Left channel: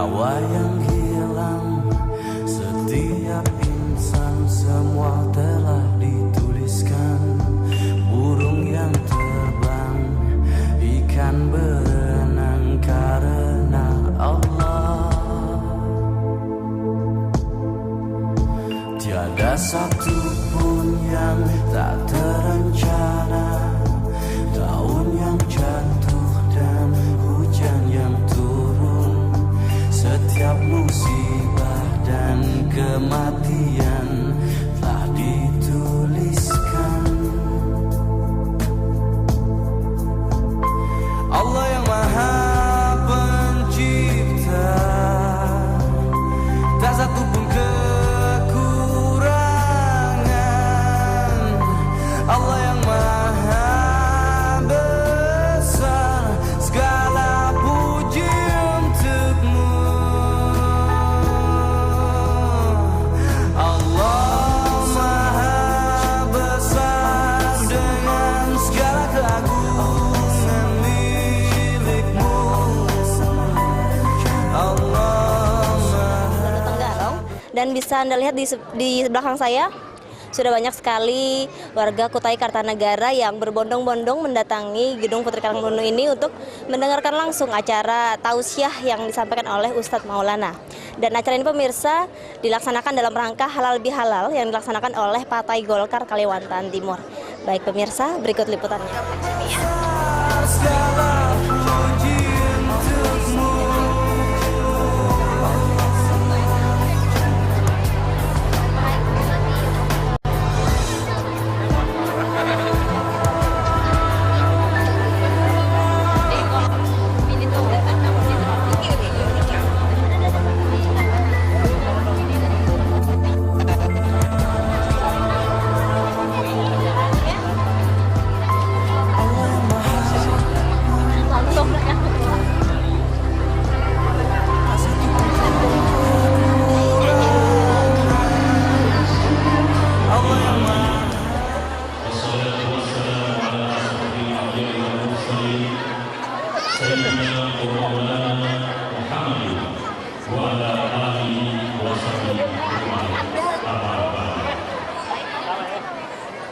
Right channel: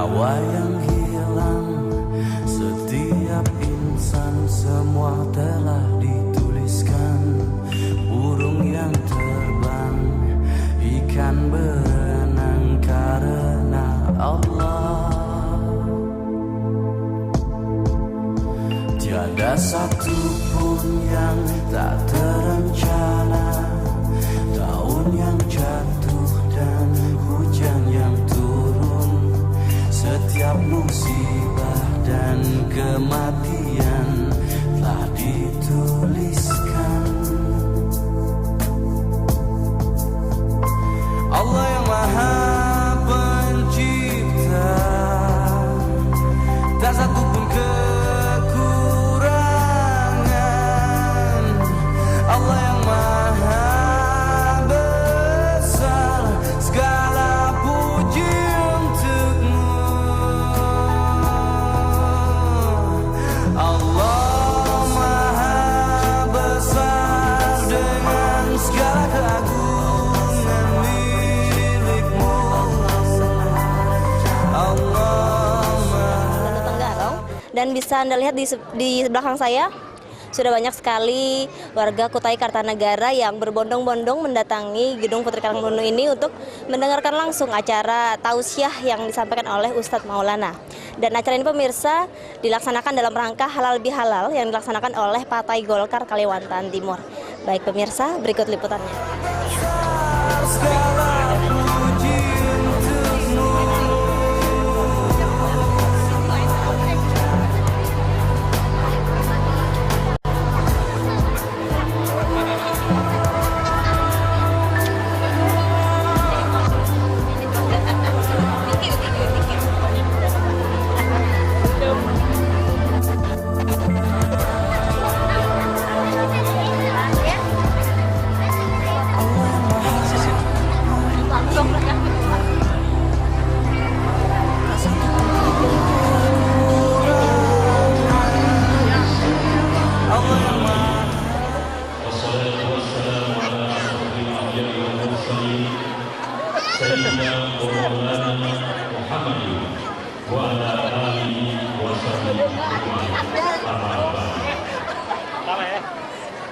nyawa yang hilang, setiap insan semua telah dituliskan. Burung yang terbang, ikan berenang karena Allah. Tiada satu pun yang tak terencana, daun yang jatuh dan hujan yang turun, setiap musibah dan kematian telah dituliskan. Allah yang Maha Pencipta, tak satu pun kekurangan. Allah yang Maha Besar, segala puji untukmu. Allah Maha Besar dengan segala keagungan milikmu. Allah Maha. Tenggarong, dan bisa Anda lihat di belakang saya sudah banyak sekali warga Kutai Kartanegara yang berbondong-bondong mendatangi Gedung Putri Karangbono ini untuk mendengarkan langsung acara tausiah yang disampaikan oleh Ustadz Maulana. Dan acara ini pemirsa dilaksanakan dalam rangka halal bihalal yang dilaksanakan oleh Partai Golkar Kalimantan Timur. Baik pemirsa, berikut liputannya.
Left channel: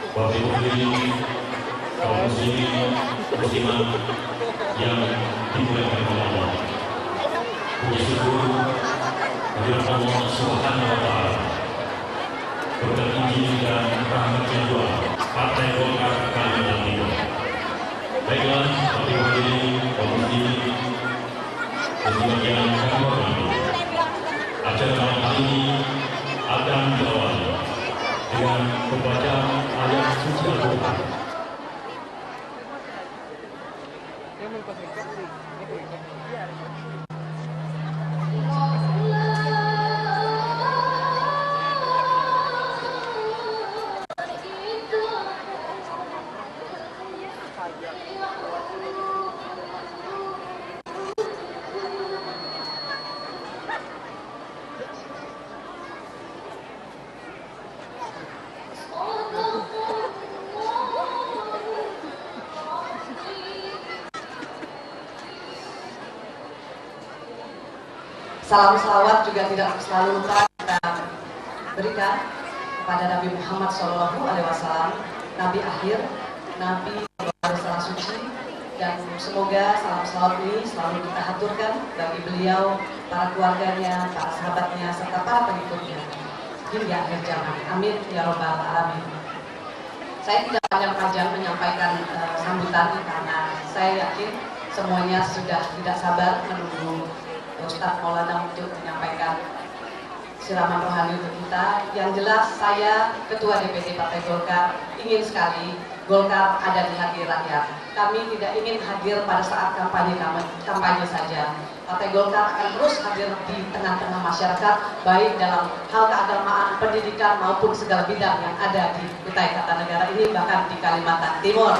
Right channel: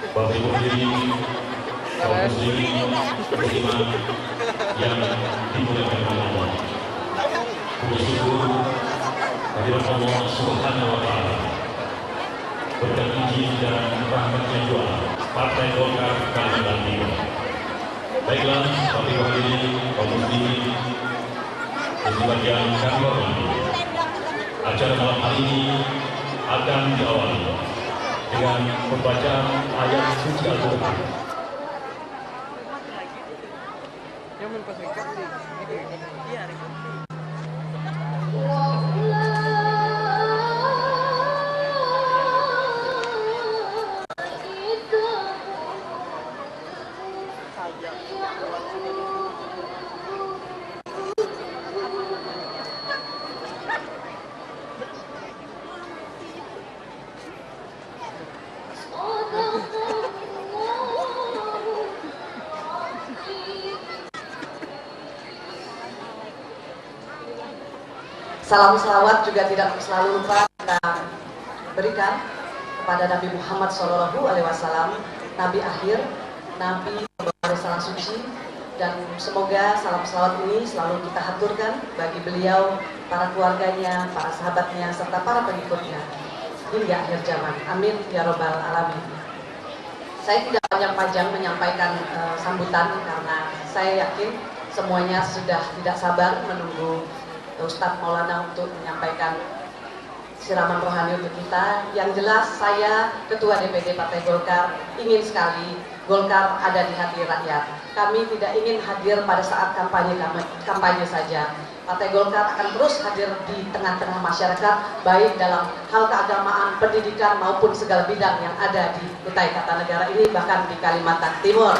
Bapak Ibu hadirin, kaum muslimin, muslimat yang dimuliakan Allah. Puji syukur kehadirat Allah Subhanahu wa taala. Berkat izin dan rahmatnya juga Partai Golkar Kalimantan Timur. Baiklah, Bapak Ibu hadirin, kaum muslimin, muslimat yang kami hormati. Acara malam hari ini akan diawali dengan membaca ayat suci Al-Quran. Salam salawat juga tidak selalu lupa kita berikan kepada Nabi Muhammad SAW, Nabi akhir, Nabi Alaihissalam suci, dan semoga salam salawat ini selalu kita haturkan bagi beliau, para keluarganya, para sahabatnya, serta para pengikutnya hingga akhir zaman. Amin ya robbal alamin. Saya tidak panjang-panjang menyampaikan sambutan karena saya yakin semuanya sudah tidak sabar menunggu Ustadz Maulana untuk menyampaikan siraman rohani untuk kita. Yang jelas saya Ketua DPD Partai Golkar ingin sekali Golkar ada di hati rakyat. Kami tidak ingin hadir pada saat kampanye saja. Partai Golkar akan terus hadir di tengah-tengah masyarakat, baik dalam hal keagamaan, pendidikan maupun segala bidang yang ada di Kutai Kartanegara ini, bahkan di Kalimantan Timur.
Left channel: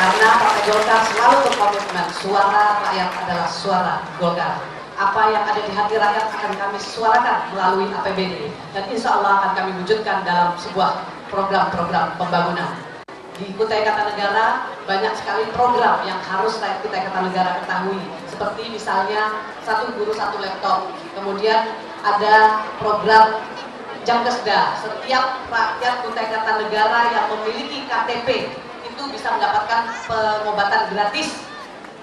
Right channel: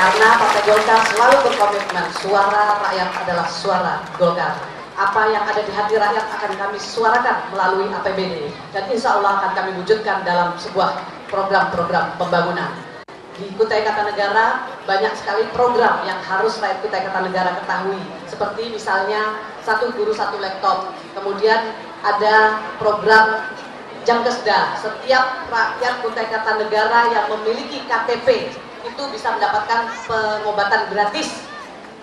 Karena Partai Golkar selalu berkomitmen suara rakyat adalah suara Golkar. Apa yang ada di hati rakyat akan kami suarakan melalui APBD dan insya Allah akan kami wujudkan dalam sebuah program-program pembangunan. di Kutai Kartanegara banyak sekali program yang harus rakyat Kutai Kartanegara ketahui. Seperti misalnya satu guru satu laptop. Kemudian ada program Jamkesda. Setiap rakyat Kutai Kartanegara yang memiliki KTP itu bisa mendapatkan pengobatan gratis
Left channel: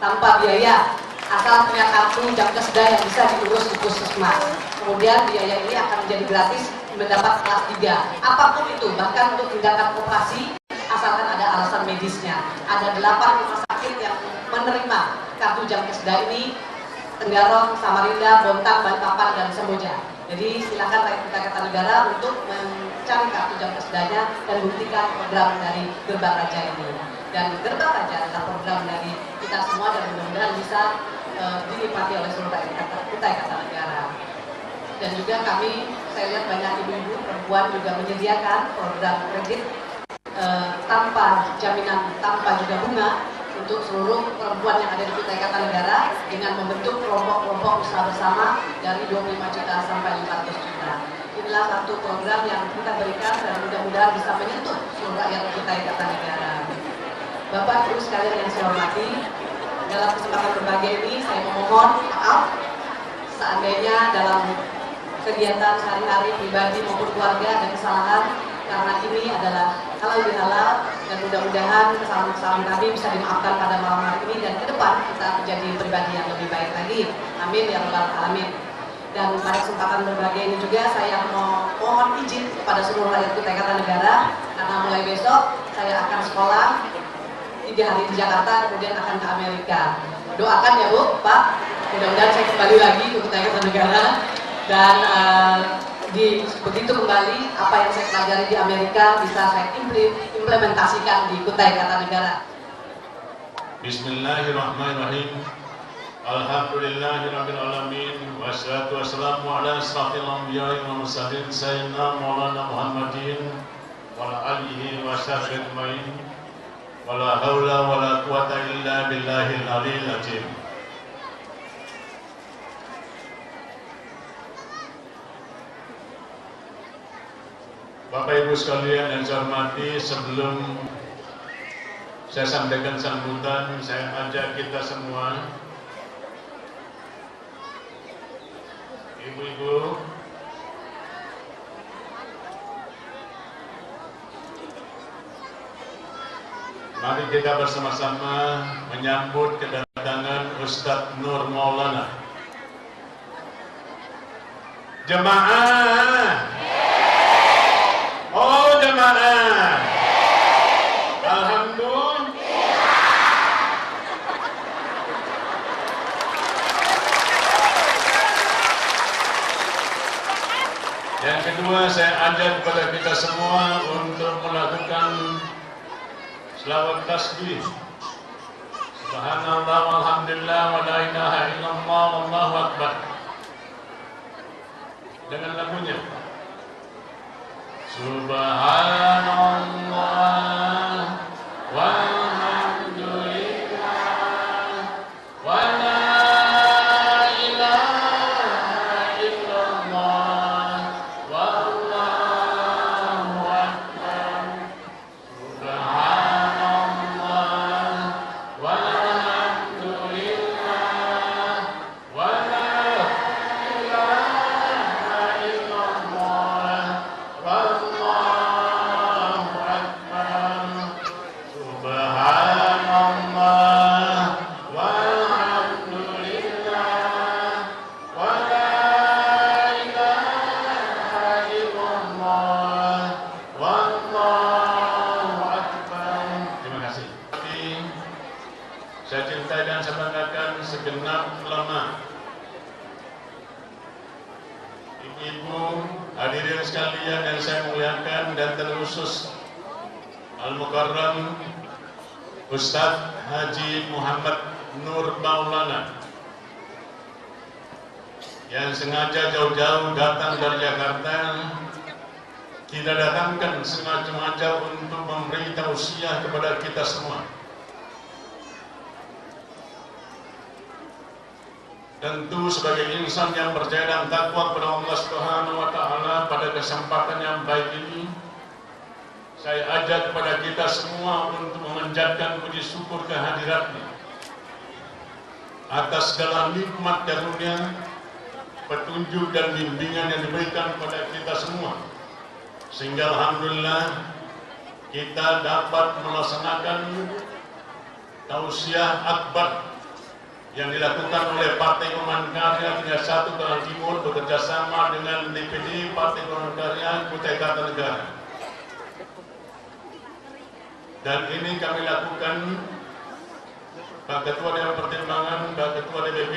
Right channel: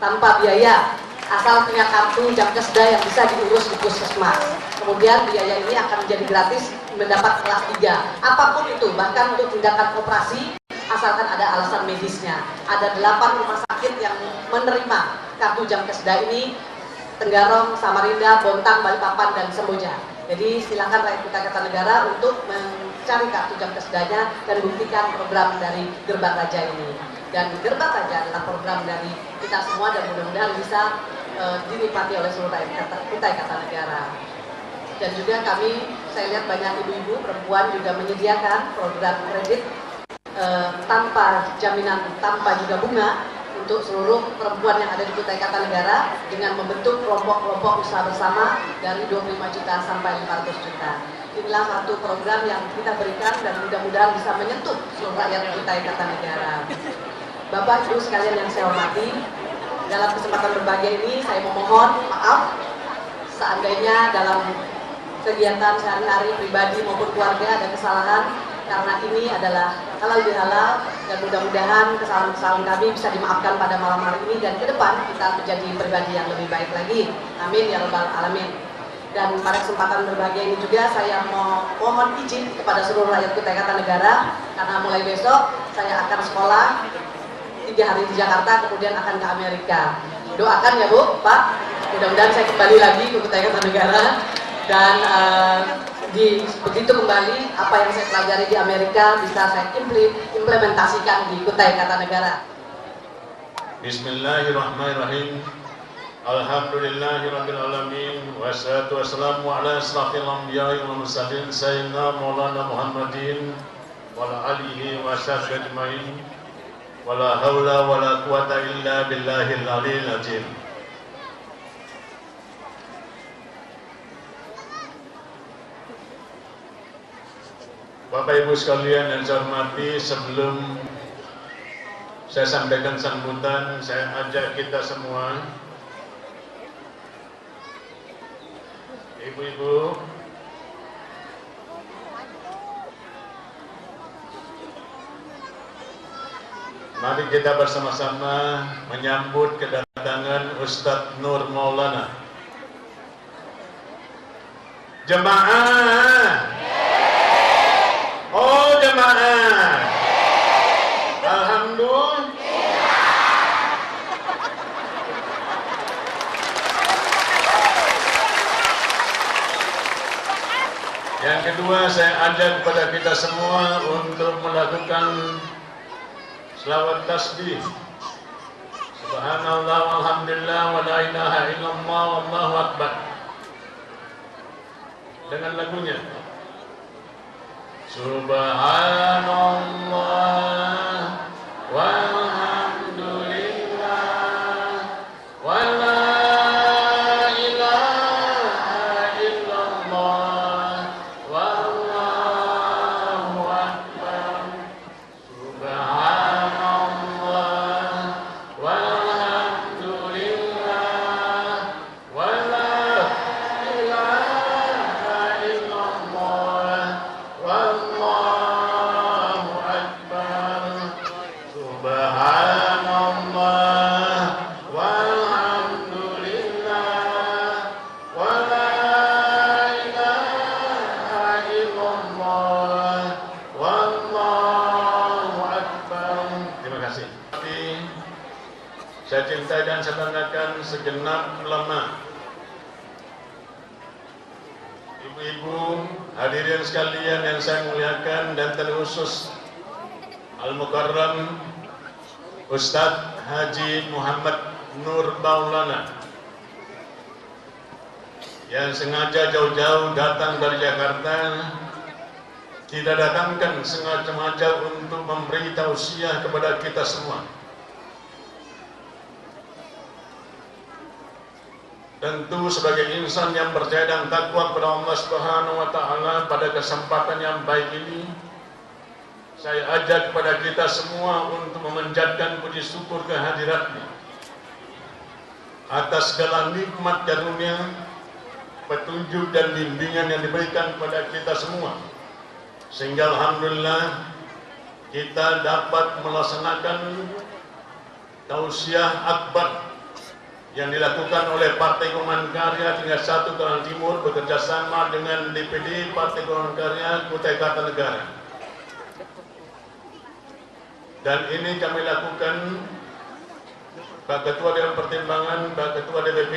tanpa biaya. Asal punya kartu Jamkesda yang bisa diurus di puskesmas. Kemudian biaya ini akan menjadi gratis mendapat kelas 3. Apapun itu, bahkan untuk tindakan operasi, asalkan ada alasan medisnya. Ada 8 rumah sakit yang menerima kartu Jamkesda ini, Tenggarong, Samarinda, Bontang, Balikpapan, dan Semboja. Jadi silakan rakyat Kutai Kartanegara untuk mencari kartu Jamkesdanya dan buktikan program dari Gerbang Raja ini. Dan Gerbang Raja adalah program dari kita semua dan mudah-mudahan bisa dinikmati oleh seluruh rakyat Kutai Kartanegara. Dan juga kami, saya lihat banyak ibu-ibu perempuan juga menyediakan program kredit tanpa jaminan, tanpa juga bunga untuk seluruh perempuan yang ada di Kutai Kartanegara dengan membentuk kelompok-kelompok usaha bersama dari 25 juta sampai 500 juta. Inilah satu program yang kita berikan dan mudah-mudahan bisa menyentuh seluruh rakyat Kutai Kartanegara. Bapak Ibu sekalian yang saya hormati, dalam kesempatan berbahagia ini saya memohon maaf seandainya dalam kegiatan sehari-hari pribadi maupun keluarga ada kesalahan, karena ini adalah halal bihalal dan mudah-mudahan kesalahan-kesalahan kami bisa dimaafkan pada malam hari ini dan ke depan kita menjadi pribadi yang lebih baik lagi. Amin ya rabbal alamin. Dan pada kesempatan berbahagia ini juga saya mohon izin kepada seluruh rakyat Kutai Kartanegara karena mulai besok saya akan sekolah 3 hari di Jakarta, kemudian akan ke Amerika. Doakan ya Bu, Pak, mudah-mudahan saya kembali lagi ke Kutai Kartanegara dan begitu kembali apa yang saya pelajari di Amerika bisa saya implementasikan di Kutai Kartanegara. Bismillahirrahmanirrahim. Alhamdulillahirabbil alamin wassalatu wassalamu ala asrafil anbiya'i wal mursalin sayyidina Maulana Muhammadin wa ala alihi wa sahbihi ajmain. Wala haula wala quwata illa billahil aliyil azim. Bapak Ibu sekalian yang saya hormati, sebelum saya sampaikan sambutan, saya ajak kita semua, ibu-ibu, mari kita bersama-sama menyambut kedatangan Ustadz Nur Maulana. Jemaah, oh jemaah, alhamdulillah. Yang kedua, saya ajak kepada kita semua untuk melakukan selawat tasbih. Subhanallah walhamdulillah wa la ilaha illallah wallahu akbar. Dengan lagunya Subhanallah walhamdulillah wa la ilaha illallah wallahu akbar. Saya cintai dan saya banggakan segenap ulama, ibu-ibu, hadirin sekalian yang saya muliakan, dan terkhusus Al-Mukarram Ustadz Haji Muhammad Nur Maulana yang sengaja jauh-jauh datang dari Jakarta, tidak datangkan sengaja untuk memberi tausiah kepada kita semua. Tentu sebagai insan yang percaya dan takwa kepada Allah Subhanahu wa taala, pada kesempatan yang baik ini Saya ajak kepada kita semua untuk memanjatkan puji syukur kehadiratnya atas segala nikmat karunia, petunjuk dan bimbingan yang diberikan kepada kita semua, sehingga alhamdulillah kita dapat melaksanakan tausiah akbar yang dilakukan oleh Partai Golongan Karya tingkat 1 Kerawang Timur bekerjasama dengan DPD Partai Golongan Karya Kutai Kartanegara. Dan ini kami lakukan, Pak Ketua Dewan Pertimbangan, Pak Ketua DPP,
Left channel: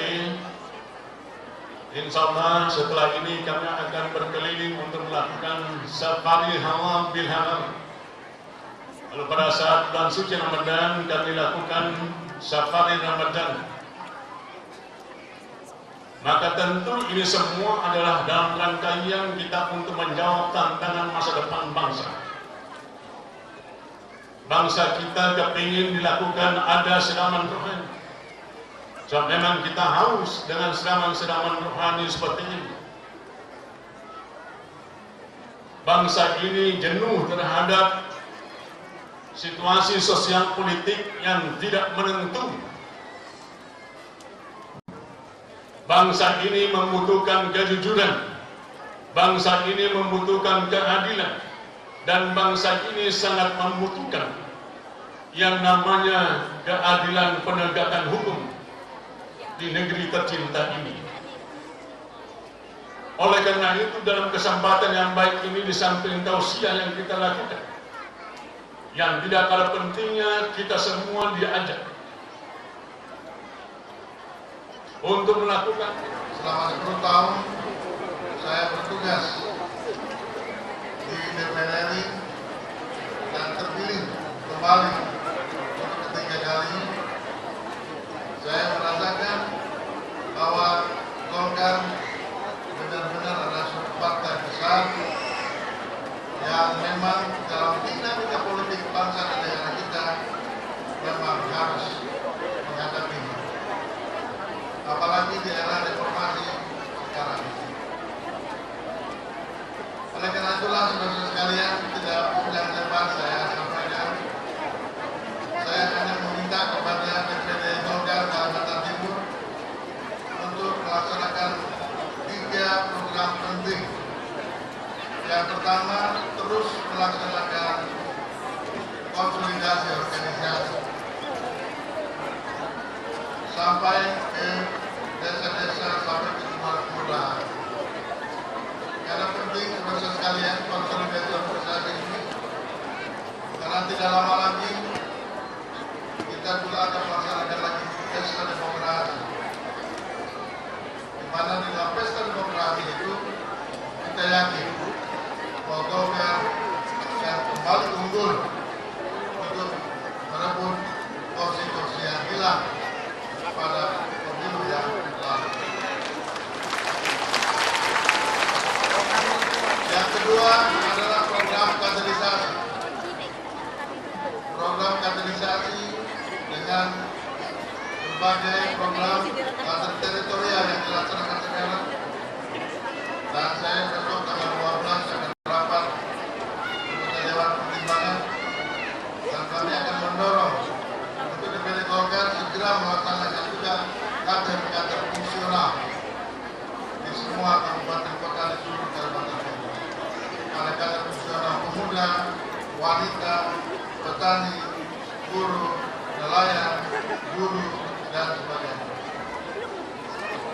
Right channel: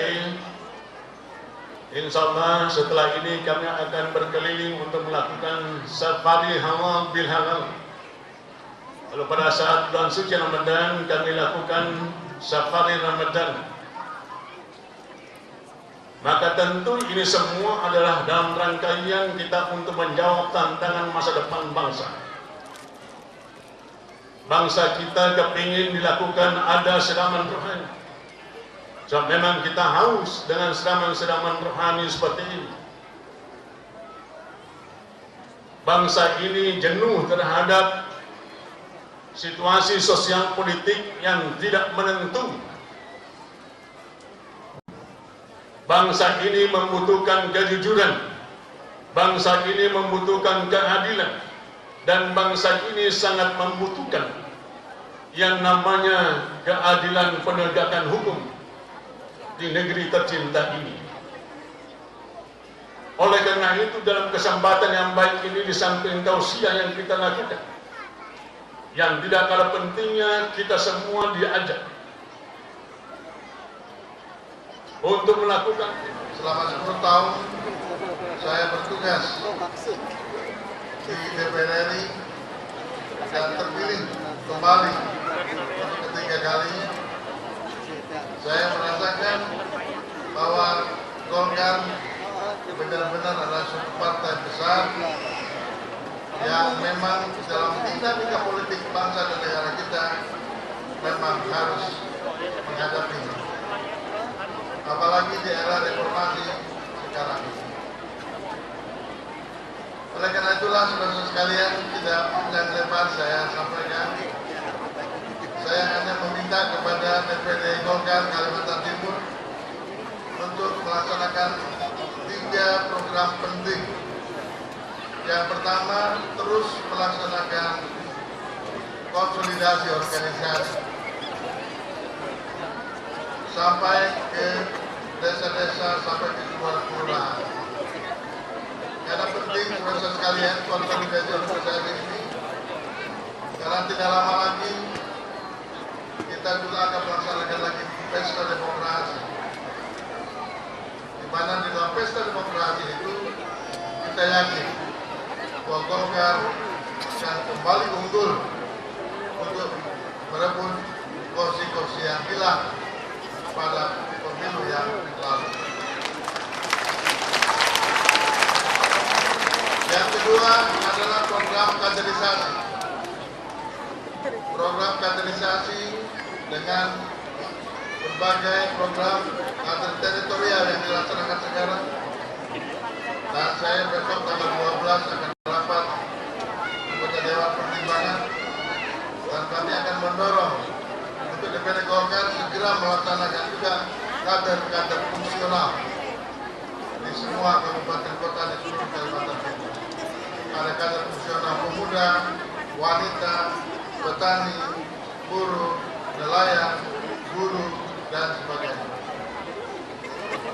insya Allah setelah ini kami akan berkeliling untuk melakukan safari halal bil halal. Lalu pada saat bulan suci Ramadan kami lakukan safari Ramadan. Maka tentu ini semua adalah dalam rangkaian kita untuk menjawab tantangan masa depan bangsa. Bangsa kita kepingin dilakukan ada siraman rohani. So, memang kita haus dengan siraman-siraman rohani seperti ini. Bangsa ini jenuh terhadap situasi sosial politik yang tidak menentu. Bangsa ini membutuhkan kejujuran. Bangsa ini membutuhkan keadilan. Dan bangsa ini sangat membutuhkan yang namanya keadilan penegakan hukum di negeri tercinta ini. Oleh karena itu dalam kesempatan yang baik ini di samping tausiah yang kita lakukan, yang tidak kalah pentingnya kita semua diajak untuk melakukan. Selama 10 tahun saya bertugas di DPR RI dan terpilih kembali ketiga kali. Saya merasakan bahwa Golkar benar-benar adalah suatu partai besar yang memang dalam dinamika politik bangsa dan negara kita memang harus menghadapi, apalagi di era reformasi sekarang ini. Oleh karena itulah saudara sekalian, tidak panjang lebar saya sampaikan, saya hanya meminta kepada DPD Golkar Kalimantan Timur untuk melaksanakan 3 program penting. Yang pertama, terus melaksanakan konsolidasi organisasi sampai ke desa-desa, sampai ke sebuah kelurahan. Karena penting proses sekalian konsolidasi organisasi ini, karena tidak lama lagi kita juga akan melaksanakan lagi pesta demokrasi, di mana di dalam pesta demokrasi itu kita yakin bahwa Golkar akan kembali unggul untuk merebut kursi-kursi yang hilang pada pemilu yang lalu. Yang kedua adalah program kaderisasi. Program kaderisasi dengan berbagai program kader teritorial yang dilaksanakan sekarang. Dan saya besok tanggal 12 akan rapat anggota Dewan Pertimbangan, dan kami akan mendorong untuk DPD Golkar segera melaksanakan juga kader-kader fungsional di semua kabupaten kota di seluruh Kalimantan Timur. Ada kader fungsional pemuda, wanita, petani, buruh, nelayan, guru, dan sebagainya.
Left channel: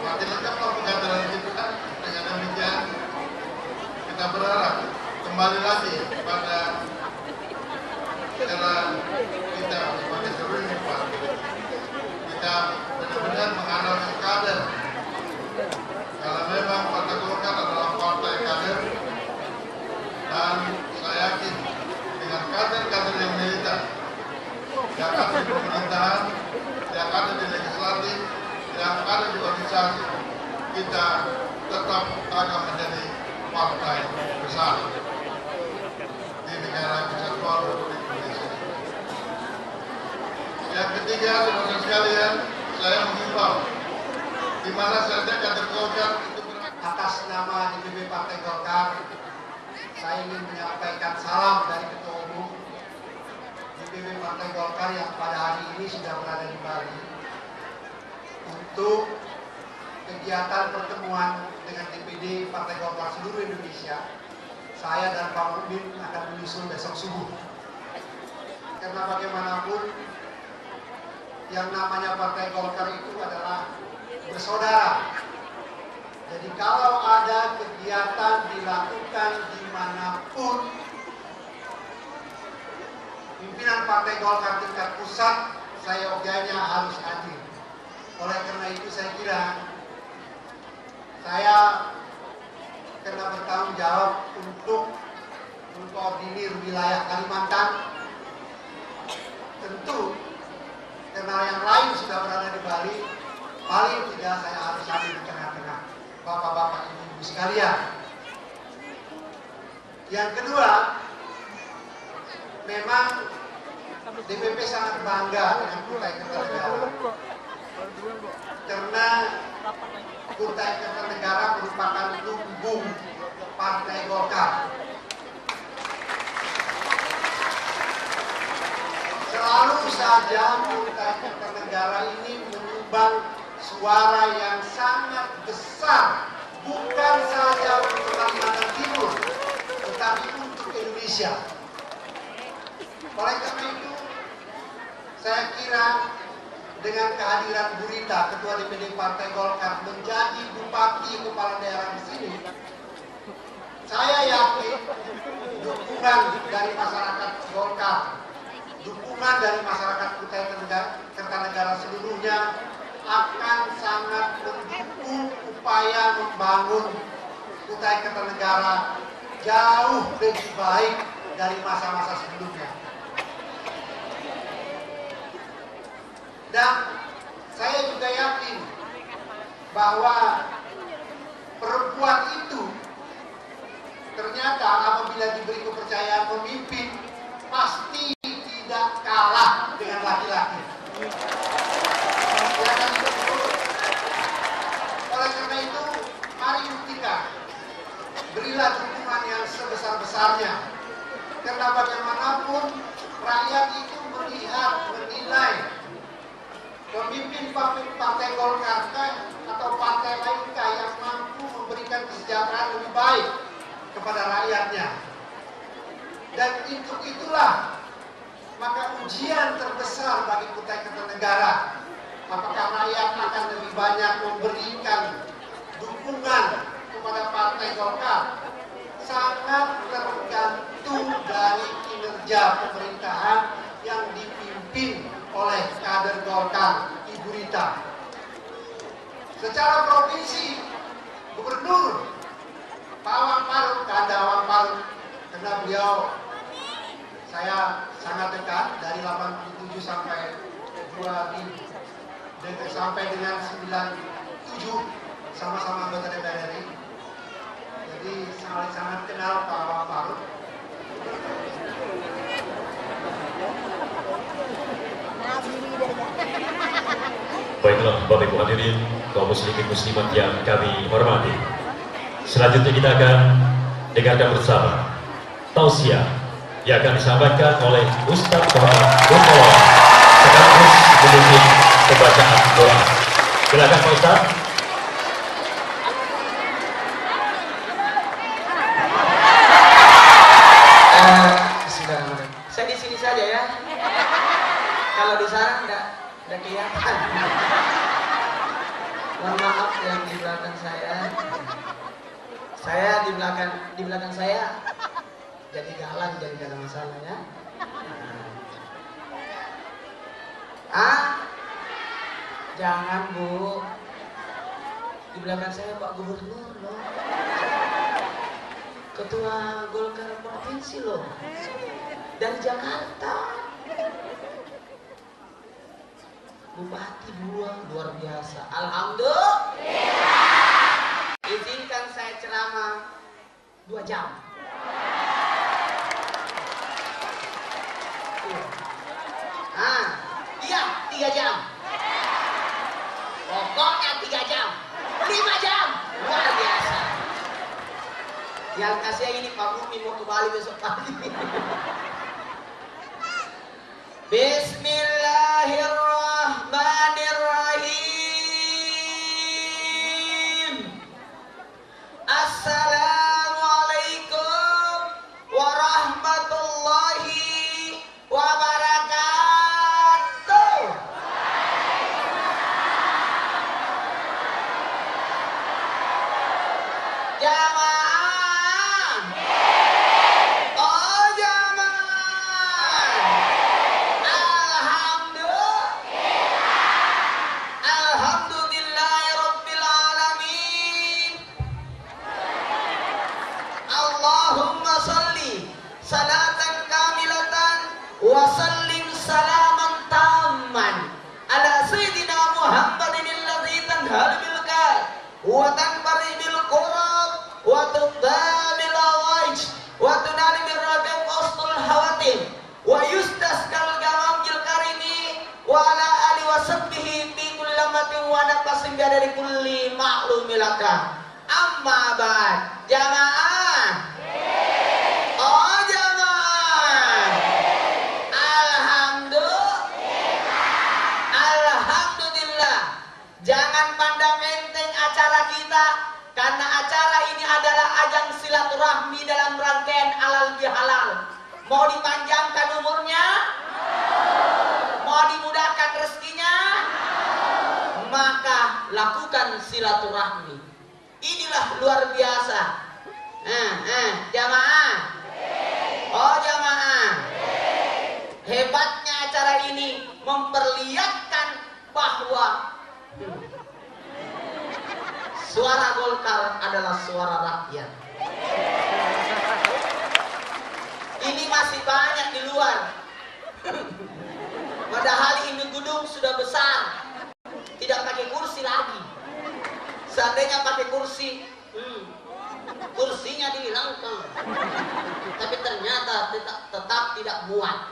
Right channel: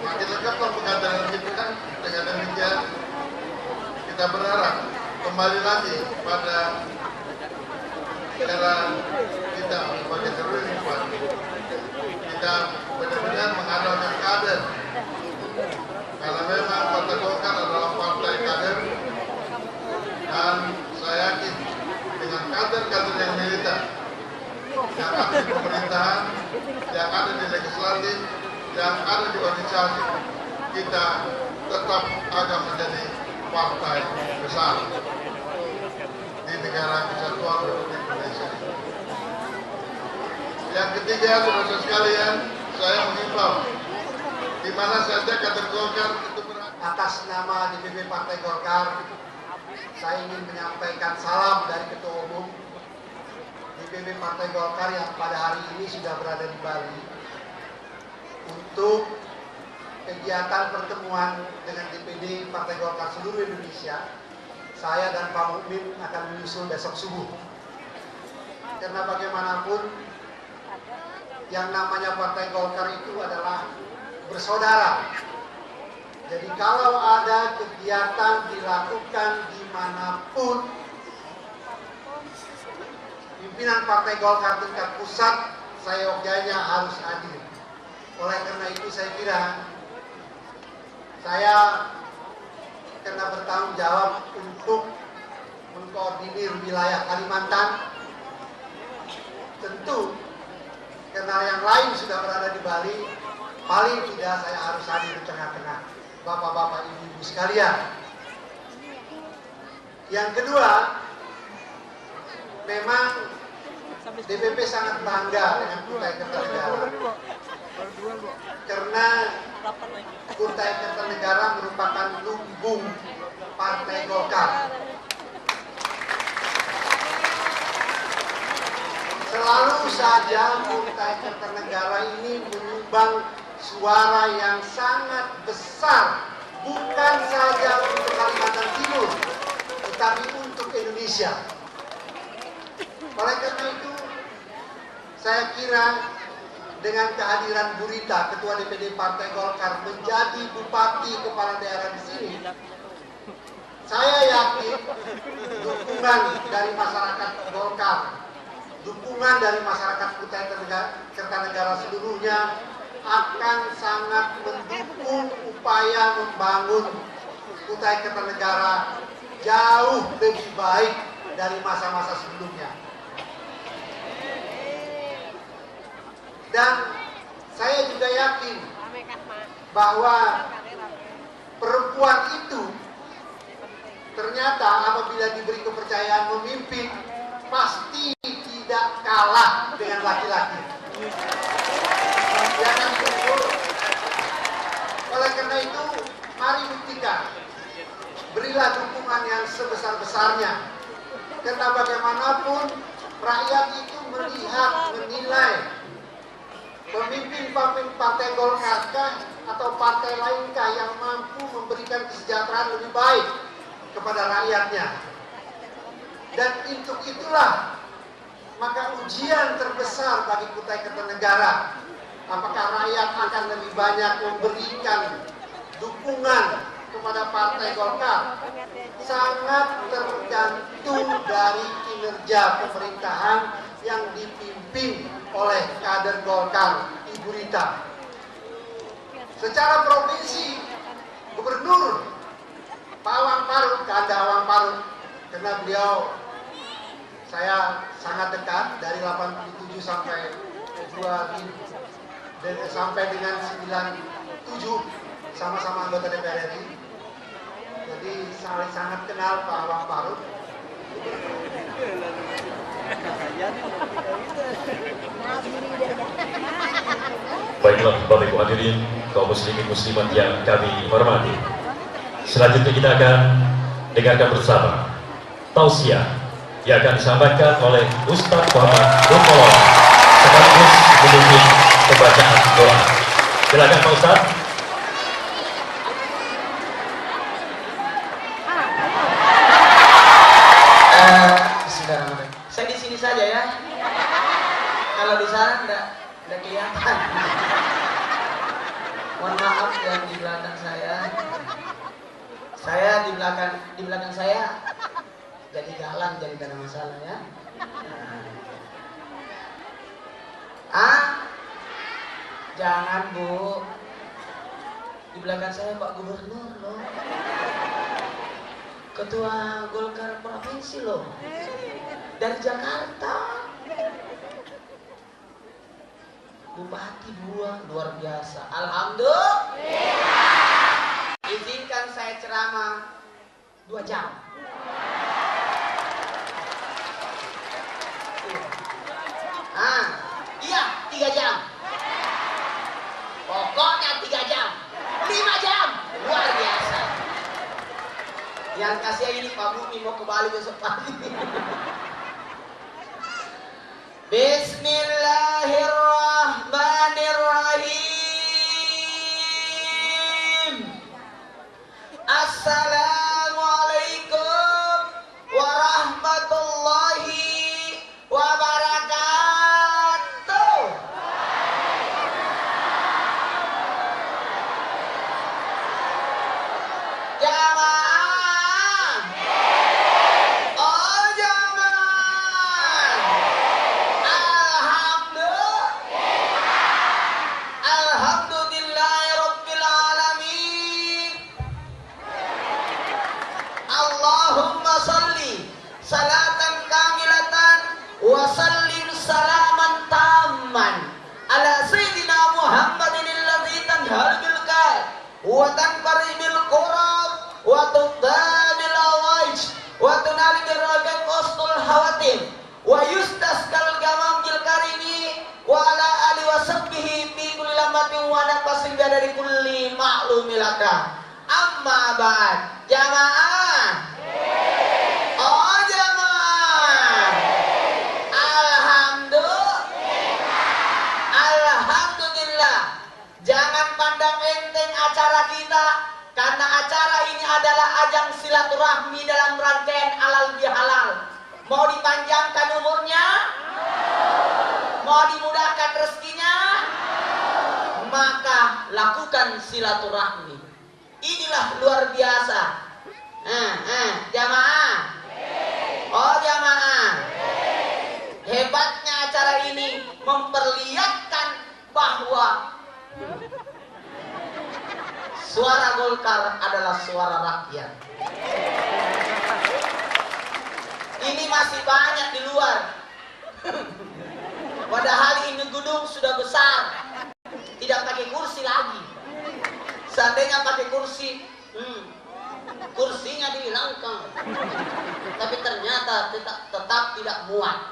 Makin lengkap pengkaderan kita kan. Dengan demikian kita berharap kembali lagi pada era kita sebagai seluruh partai. Kita benar-benar mengandalkan kader. Karena memang Partai Golkar adalah partai kader, dan saya yakin dengan kader-kader yang militan, yang ada di pemerintahan, yang ada di legislatif, yang ada di organisasi, kita tetap akan menjadi partai besar di negara kesatuan Republik Indonesia. Yang ketiga, saudara sekalian, saya mengimbau di mana saja kader Golkar itu atas nama DPP Partai Golkar, saya ingin menyampaikan salam dari Ketua Umum DPP Partai Golkar yang pada hari ini sudah berada di Bali untuk kegiatan pertemuan dengan DPD Partai Golkar seluruh Indonesia. Saya dan Pak Muhmin akan menyusul besok subuh. Karena bagaimanapun yang namanya Partai Golkar itu adalah bersaudara. Jadi kalau ada kegiatan dilakukan dimanapun, pimpinan Partai Golkar tingkat pusat seyogyanya harus hadir. Oleh karena itu saya kira saya kena bertanggung jawab untuk mengkoordinir wilayah Kalimantan. Tentu karena yang lain sudah berada di Bali, paling tidak saya harus hadir di tengah-tengah bapak-bapak ibu-ibu sekalian. Yang kedua, memang DPP sangat bangga dengan Kutai Kertanegara karena Kutai Kertanegara merupakan lumbung Partai Golkar. Selalu saja Kutai Kertanegara ini menyumbang suara yang sangat besar, bukan saja untuk Kalimantan Timur, tetapi untuk Indonesia. Oleh karena itu, saya kira dengan kehadiran Bu Rita, Ketua DPD Partai Golkar, menjadi Bupati Kepala Daerah di sini, saya yakin dukungan dari masyarakat Golkar, dukungan dari masyarakat Kutai Kertanegara seluruhnya akan sangat mendukung upaya membangun Kutai Kertanegara jauh lebih baik dari masa-masa sebelumnya. Dan saya juga yakin bahwa perempuan itu ternyata apabila diberi kepercayaan memimpin pasti tidak kalah dengan laki-laki. Jangan betul. Oleh karena itu, mari buktikan, berilah dukungan yang sebesar-besarnya. Karena bagaimanapun rakyat itu melihat, menilai pemimpin Partai Golkar atau partai lainkah yang mampu memberikan kesejahteraan lebih baik kepada rakyatnya. Dan untuk itulah maka ujian terbesar bagi Kutai Kertanegara, apakah rakyat akan lebih banyak memberikan dukungan kepada Partai Golkar, sangat tergantung dari kinerja pemerintahan yang dipimpin oleh kader Golkar, Ibu Rita. Secara provinsi, Gubernur Pak Awang Faruk, Kanda Awang Faruk, karena beliau saya sangat dekat dari 87 sampai 2000 dan sampai dengan 97 sama-sama anggota DPR RI. Jadi sangat kenal Pak Awang Faruk. Baiklah Bapak Ibu hadirin kaum muslimin muslimat yang kami hormati. Selanjutnya kita akan dengarkan bersama tausiah yang akan disampaikan oleh Ustadz Muhammad Bukol sekaligus memimpin pembacaan doa. Silakan Pak Ustadz. Saya di sini saja ya. Kalau di sana nggak kelihatan. Mohon maaf yang di belakang saya. Saya di belakang saya jadi jalan jadi gak ada masalah ya. Jangan Bu. Di belakang saya Pak Gubernur loh. Ketua Golkar Provinsi loh. Dari Jakarta. Bupati 2 luar biasa. Alhamdulillah. Izinkan saya ceramah 2 jam. Iya 3 jam. Pokoknya 3 jam. 5 jam. Luar biasa. Yang kasih ini Pak Bumi mau ke Bali besok pagi. Bismillahirrahmanirrahim. Assalamualaikum warahmatullahi wabarakatuh. Jamaah. Oh jamaah. Alhamdulillahirabbil alamin. Allahumma salli salatan kamilatan wa sallim salaman tamman ala sayyidina Muhammadin alladzi tanhal bil kal wa tanfari bil qurab wa tudamil awaj wa tunal bil rafiq ustul hawatim wa yustaskal gamamil karimi wa ala ali wa sahbihi fi kulli lamatin wa nafasin dari kulli ma'lumilaka. Amma ba'd. Jamaah. Oh jamaah. Alhamdulillah. Jangan pandang enteng acara kita, karena acara ini adalah ajang silaturahmi dalam rangkaian halal bihalal. Mau dipanjangkan umurnya? Mau dimudahkan rezekinya? Maka lakukan silaturahmi. Inilah luar biasa. Jamaah. Oh jamaah. Hebatnya acara ini memperlihatkan bahwa suara Golkar adalah suara rakyat. Ini masih banyak di luar. Padahal ini gedung sudah besar, tidak pakai kursi lagi. Seandainya pakai kursi, kursinya dihilangkan. Tapi ternyata tetap tidak muat.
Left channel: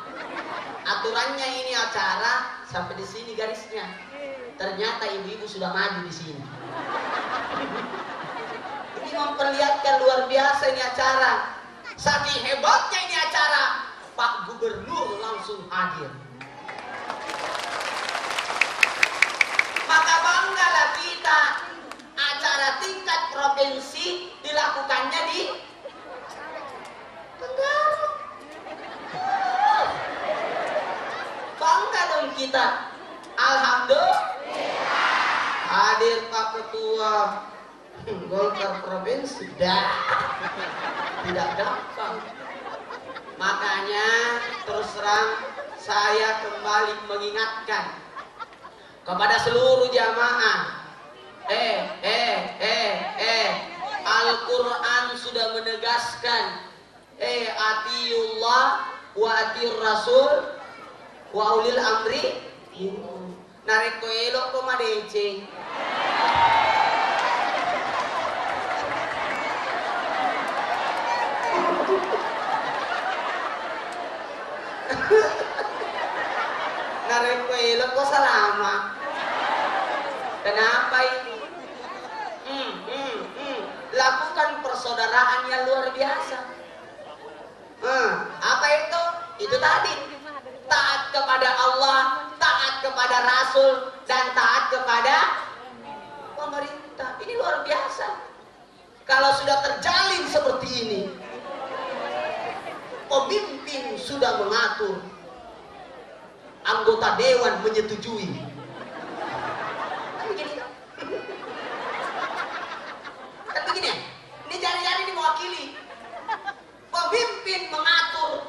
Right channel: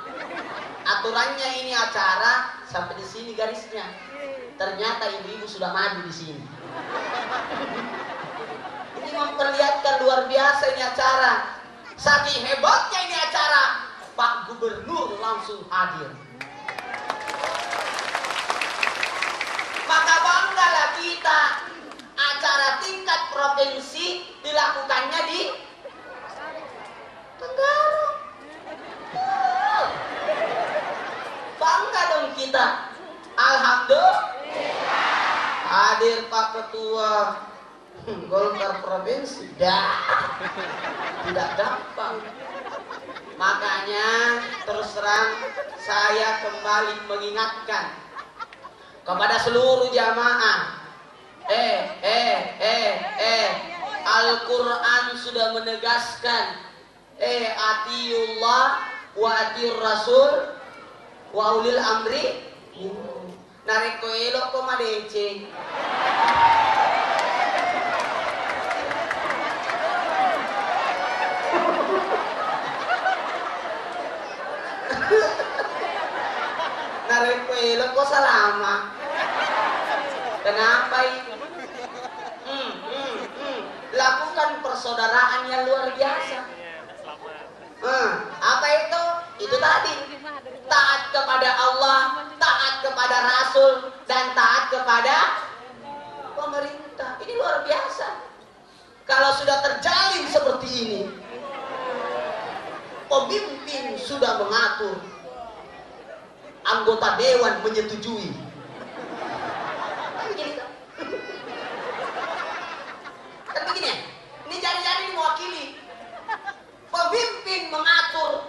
Aturannya ini acara sampai di sini garisnya. Ternyata ibu-ibu sudah maju di sini. Ini memperlihatkan luar biasa ini acara. Saking hebatnya ini acara, Pak Gubernur langsung hadir. Maka banggalah kita, acara tingkat provinsi dilakukannya di Tenggara. Bangga dong kita. Alhamdulillah. Hadir Pak Ketua Golkar provinsi. Tidak gampang. Makanya terus terang saya kembali mengingatkan kepada seluruh jamaah. Al-Quran sudah menegaskan atiullah wa atiur rasul wa ulil amri. Narik koelok ko madece. Narik koelok ko salama. Kenapa ini? Lakukan persaudaraan yang luar biasa. Apa itu? Itu tadi. Taat kepada Allah, taat kepada Rasul, dan taat kepada pemerintah. Ini luar biasa. Kalau sudah terjalin seperti ini, pemimpin sudah mengatur, anggota dewan menyetujui. Kan begini, ini jari-jari mewakili. Pemimpin mengatur,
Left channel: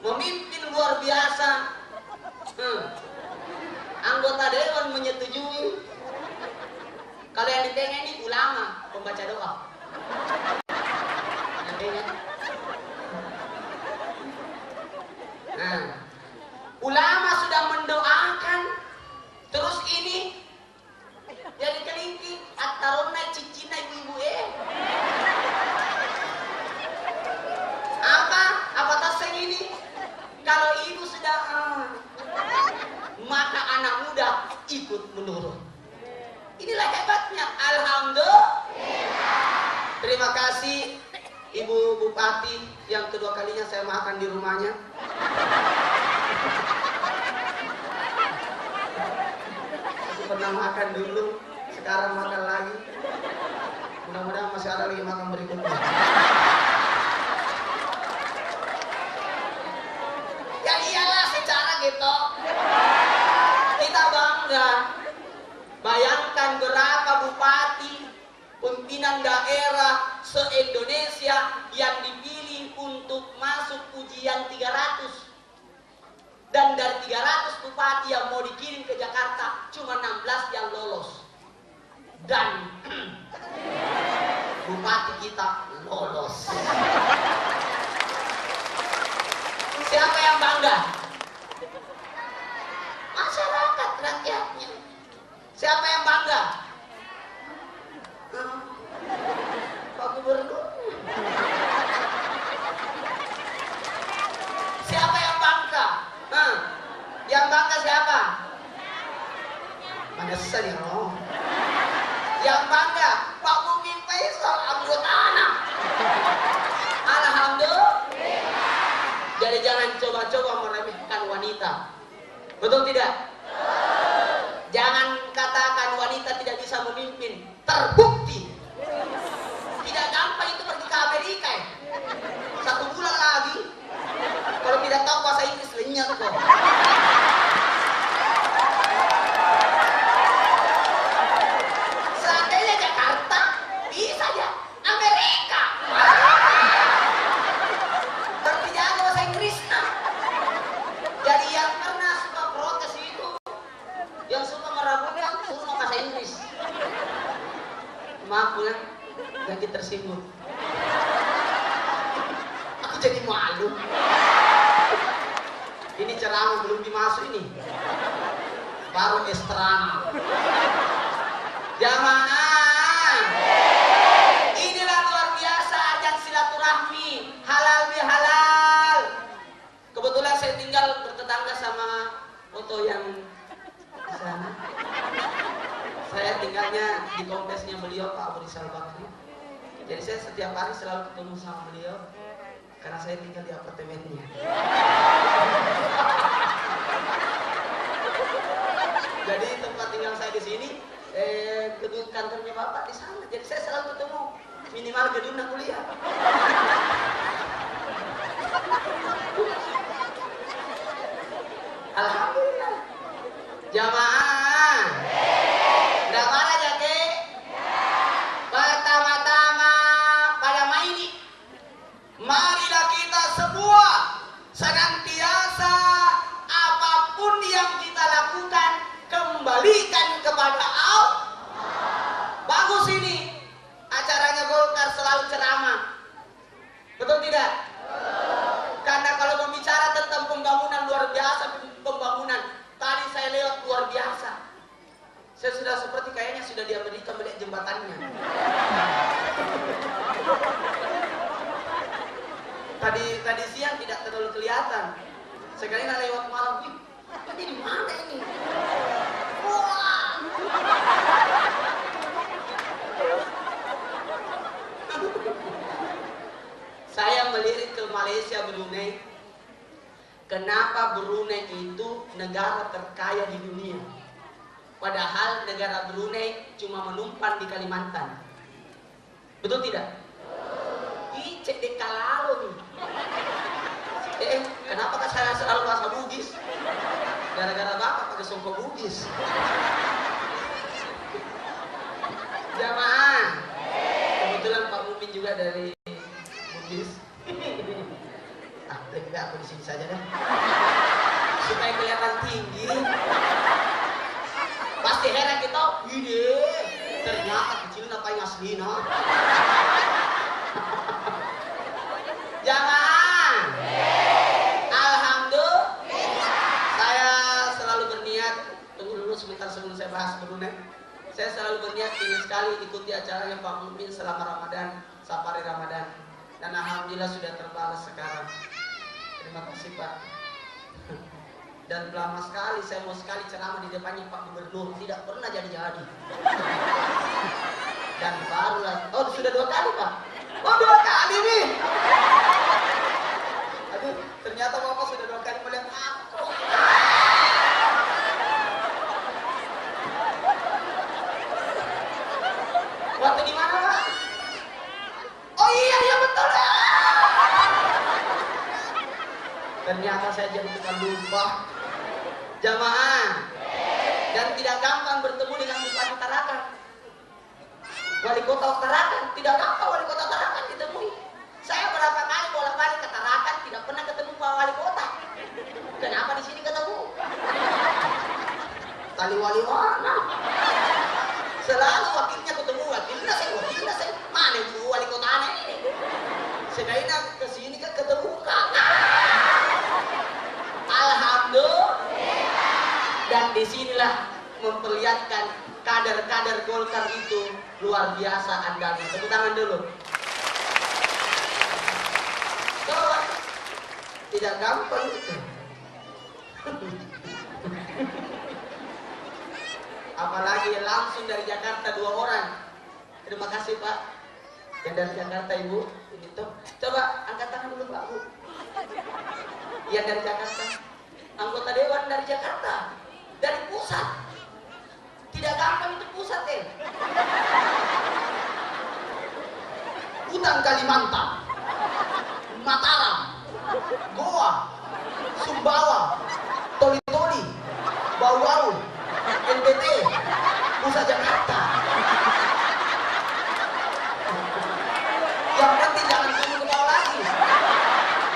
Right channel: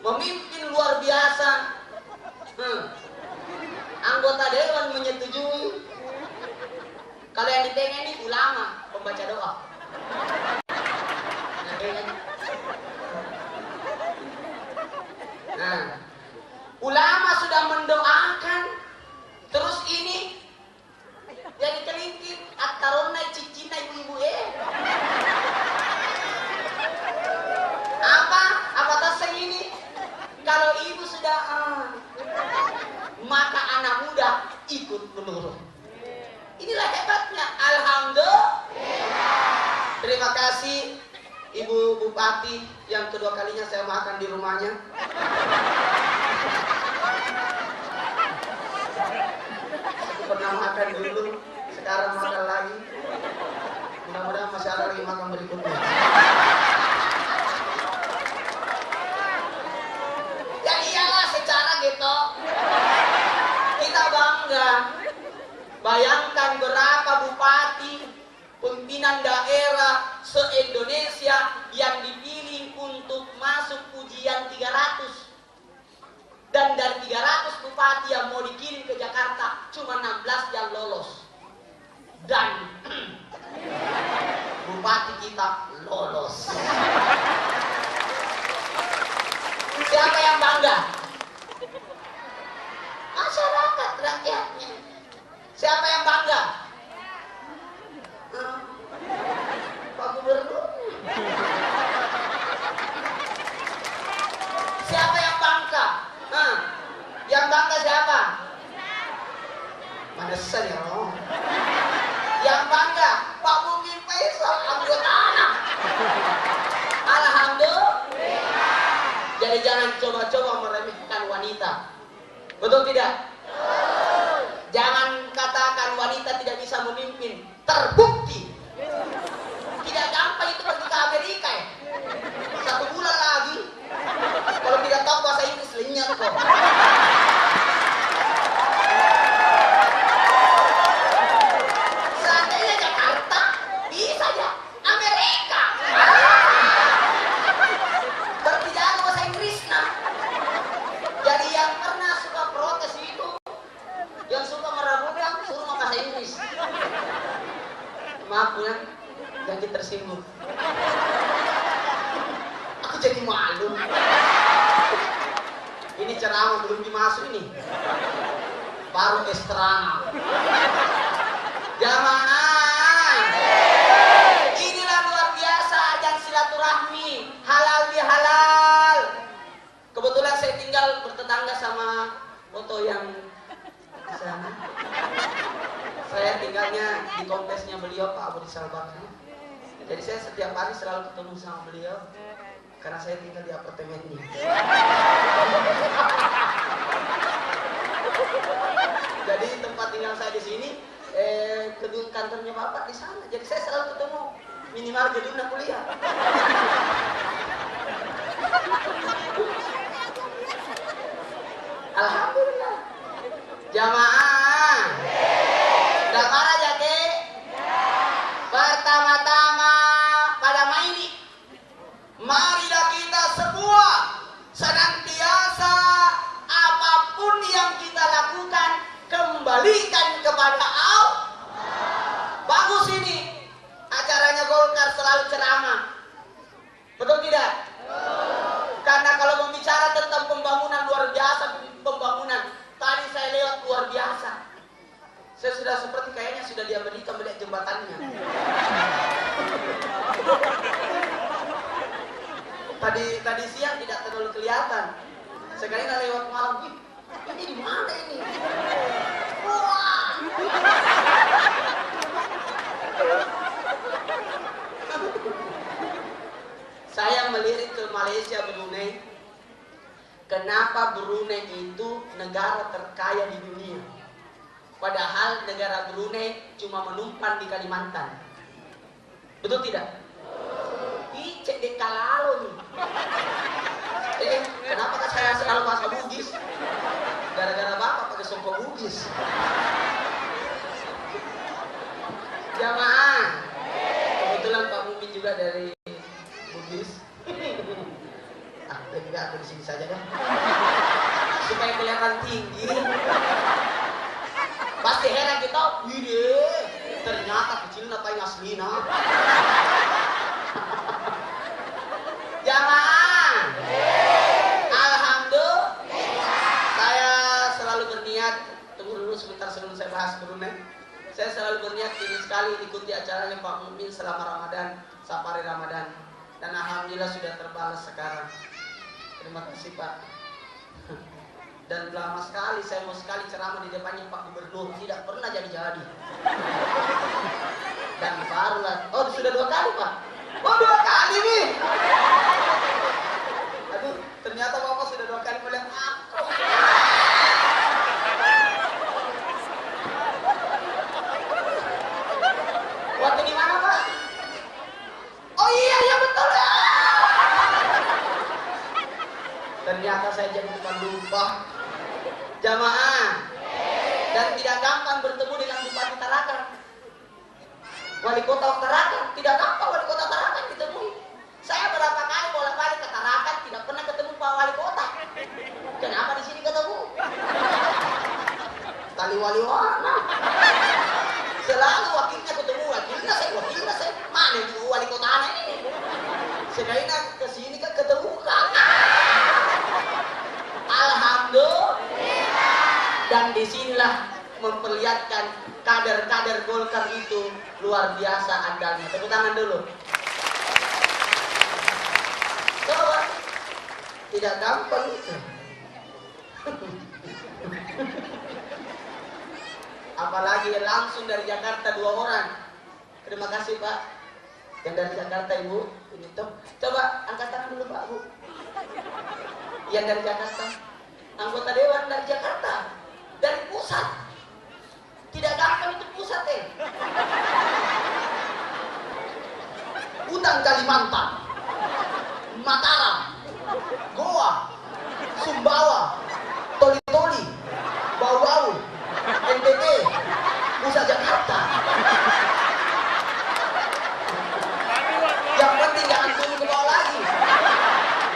memimpin luar biasa. Anggota dewan menyetujui. Kalau yang di tengah ini ulama, pembaca doa. Nah, ulama sudah mendoakan. Terus ini jadi kelingking atarona cicina ibu-ibu apa taseng ini? Kalau ibu sudah maka anak muda ikut menurut. Inilah hebatnya. Alhamdulillah. Terima kasih Ibu Bupati yang kedua kalinya saya makan di rumahnya. Aku pernah makan dulu, sekarang makan lagi. Mudah-mudahan masih ada lagi makan berikutnya. Ya iyalah secara gitu. Kita bangga. Bayangkan berapa bupati, pimpinan daerah se-Indonesia yang dipilih untuk masuk ujian 300. Dan dari 300 bupati yang mau dikirim ke Jakarta, cuma 16 yang lolos. Dan bupati kita lolos. Siapa yang bangga? Masyarakat rakyatnya. Siapa yang bangga? Pak Gubernur. Siapa yang bangga? Yang bangga siapa? Mana ya loh. Yang bangga Pak Bukit Faisal anggota anak. Alhamdulillah. Jadi jangan coba-coba meremehkan wanita. Betul tidak? Jangan katakan wanita tidak bisa memimpin. Terbukti. Tidak gampang itu pergi ke Amerika ya. 1 bulan lagi. Kalau tidak tahu bahasa Inggris lenyap kok. Seandainya Jakarta, bisa ya. Amerika. Tapi jangan bahasa Inggris nah. Jadi yang pernah suka protes itu, yang suka meragukan, suruh bahasa Inggris. Maaf ya, ganti tersinggung. Aku jadi malu. Ini ceramah belum dimasuk ini. Baru estrama. Jamaah. Inilah luar biasa ajang silaturahmi. Halal bihalal. Kebetulan saya tinggal bertetangga sama foto yang sana. Saya tinggalnya di kompleksnya beliau Pak Abu Rizal Bakri. Jadi saya setiap hari selalu ketemu sama beliau karena saya tinggal di apartemennya. Jadi tempat tinggal saya di sini, gedung kantornya Bapak di sana. Jadi saya selalu ketemu minimal gedungnya kuliah. Alhamdulillah. Jamaah. Berapa aja, Kek? Pertama-tama pada main, marilah kita semua senantiasa apapun yang kita lakukan kembalikan kepada Allah. Bagus ini. Acaranya Golkar selalu ceramah. Betul tidak? Karena kalau berbicara tentang pembangunan luar biasa, pembangunan tadi saya lewat luar biasa. Saya sudah seperti kayaknya sudah di Amerika melihat jembatannya. Tadi siang tidak terlalu kelihatan. Sekarang lewat malam, ini di mana ini? Wah. Saya melirik ke Malaysia, Brunei. Kenapa Brunei itu negara terkaya di dunia? Padahal negara Brunei cuma menumpang di Kalimantan. Betul tidak? Cek di kalalo nih. Kenapa saya selalu bahasa Bugis? Gara-gara Bapak pakai songkok Bugis. Jamaah. Kebetulan Pak Mumin juga dari Bugis. Tidak aku di sini saja deh. Supaya kelihatan tinggi. Pasti heran kita, wih ternyata kecil ngapain aslina. Jamaah. Alhamdulillah. Saya selalu berniat, tunggu dulu sebentar sebelum saya bahas Brunei. Saya selalu berniat ingin sekali ikuti acaranya Pak Mumin selama Ramadan, safari Ramadan. Dan alhamdulillah sudah terbalas sekarang. Terima kasih Pak. Dan lama sekali saya mau sekali ceramah di depannya Pak Gubernur, tidak pernah jadi-jadi. Dan barulah, oh sudah 2 kali Pak. Oh 2 kali nih. Ternyata saya jadi tukang lupa. Jamaah. Dan tidak gampang bertemu dengan Bupati Tarakan. Wali Kota Tarakan, tidak gampang Wali Kota Tarakan ditemui. Saya berapa kali bolak-balik ke Tarakan tidak pernah ketemu Pak Wali Kota. Kenapa di sini ketemu? Tali wali mana? Selalu wakilnya ketemu, wakilnya saya. Mana itu wali kota ini? Sebenarnya ke sini kan ketemu kakak. Alhamdulillah. Dan disinilah memperlihatkan kader-kader Golkar itu luar biasa andalnya. Tepuk tangan dulu. Coba. Tidak gampang itu. Apalagi langsung dari Jakarta 2 orang. Terima kasih Pak. Yang dari Jakarta Ibu. Ini tuh. Coba angkat tangan dulu Pak Bu. Yang dari Jakarta. Anggota Dewan dari Jakarta. Dari pusat. Tidak gampang itu pusat deh. Hutan Kalimantan, Mataram, Goa, Sumbawa, Toli-Toli, Bau-Bau, NTT, pusat Jakarta. Yang penting jangan turun ke bawah lagi.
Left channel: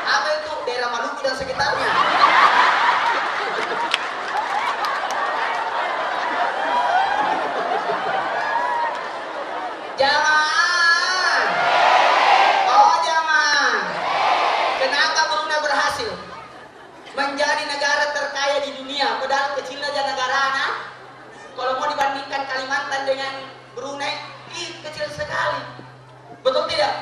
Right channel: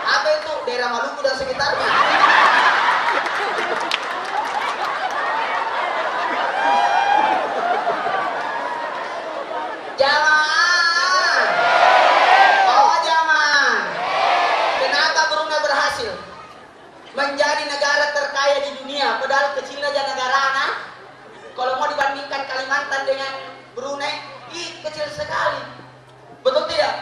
Apa itu? Daerah Maluku dan sekitarnya. Jamaah. Oh jamaah. Kenapa Brunei berhasil menjadi negara terkaya di dunia? Padahal kecilnya aja negara anak. Kalau mau dibandingkan Kalimantan dengan Brunei, kecil sekali. Betul tidak?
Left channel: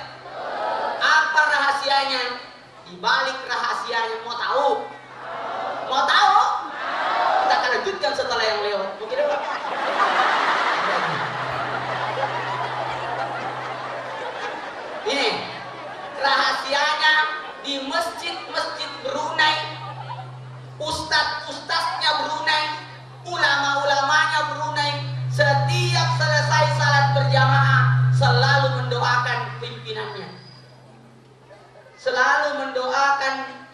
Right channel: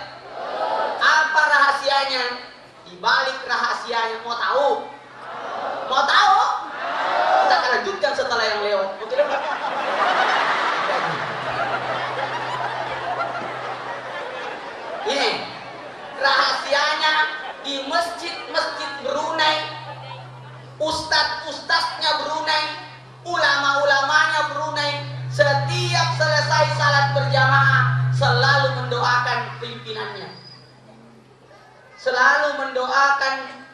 Apa rahasianya? Di balik rahasianya mau tahu? Mau tahu? Kita akan lanjutkan setelah yang lewat. Mungkin apa? Ini rahasianya di masjid-masjid Brunei, ustadz-ustadznya Brunei, ulama-ulamanya Brunei, setiap selesai salat berjamaah selalu mendoakan pimpinannya, selalu mendoakan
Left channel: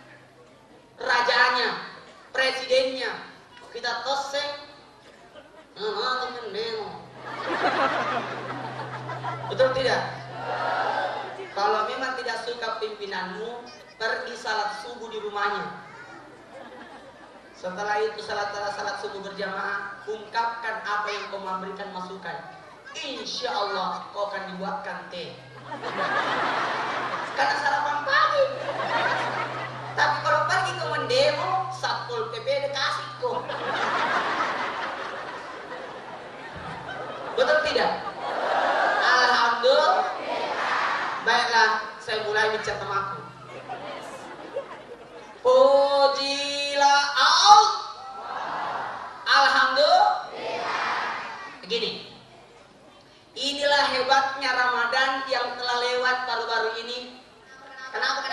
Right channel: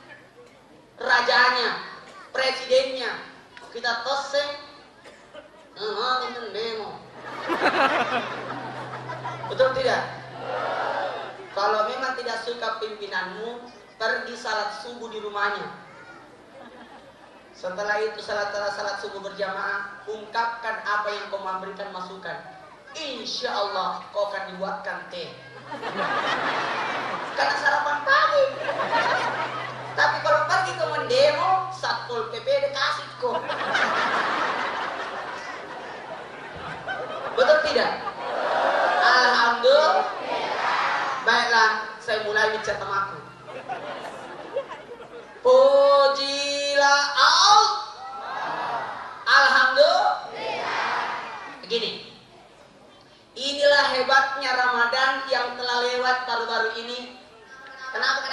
rajanya, presidennya. Kita toseng, demo. Betul tidak? Kalau memang tidak suka pimpinanmu, pergi salat subuh di rumahnya. Setelah itu salat subuh berjamaah, ungkapkan apa yang kau memberikan masukan. Insya Allah kau akan dibuatkan teh. Karena sarapan pagi. Tapi kalau pergi ke mendemo, Satpol PP dikasih kok. Betul tidak? Alhamdulillah. Baiklah, saya mulai bicara temaku. Pujilah Allah. Alhamdulillah. Begini. Inilah hebatnya Ramadan yang telah lewat baru-baru ini. Kenapa?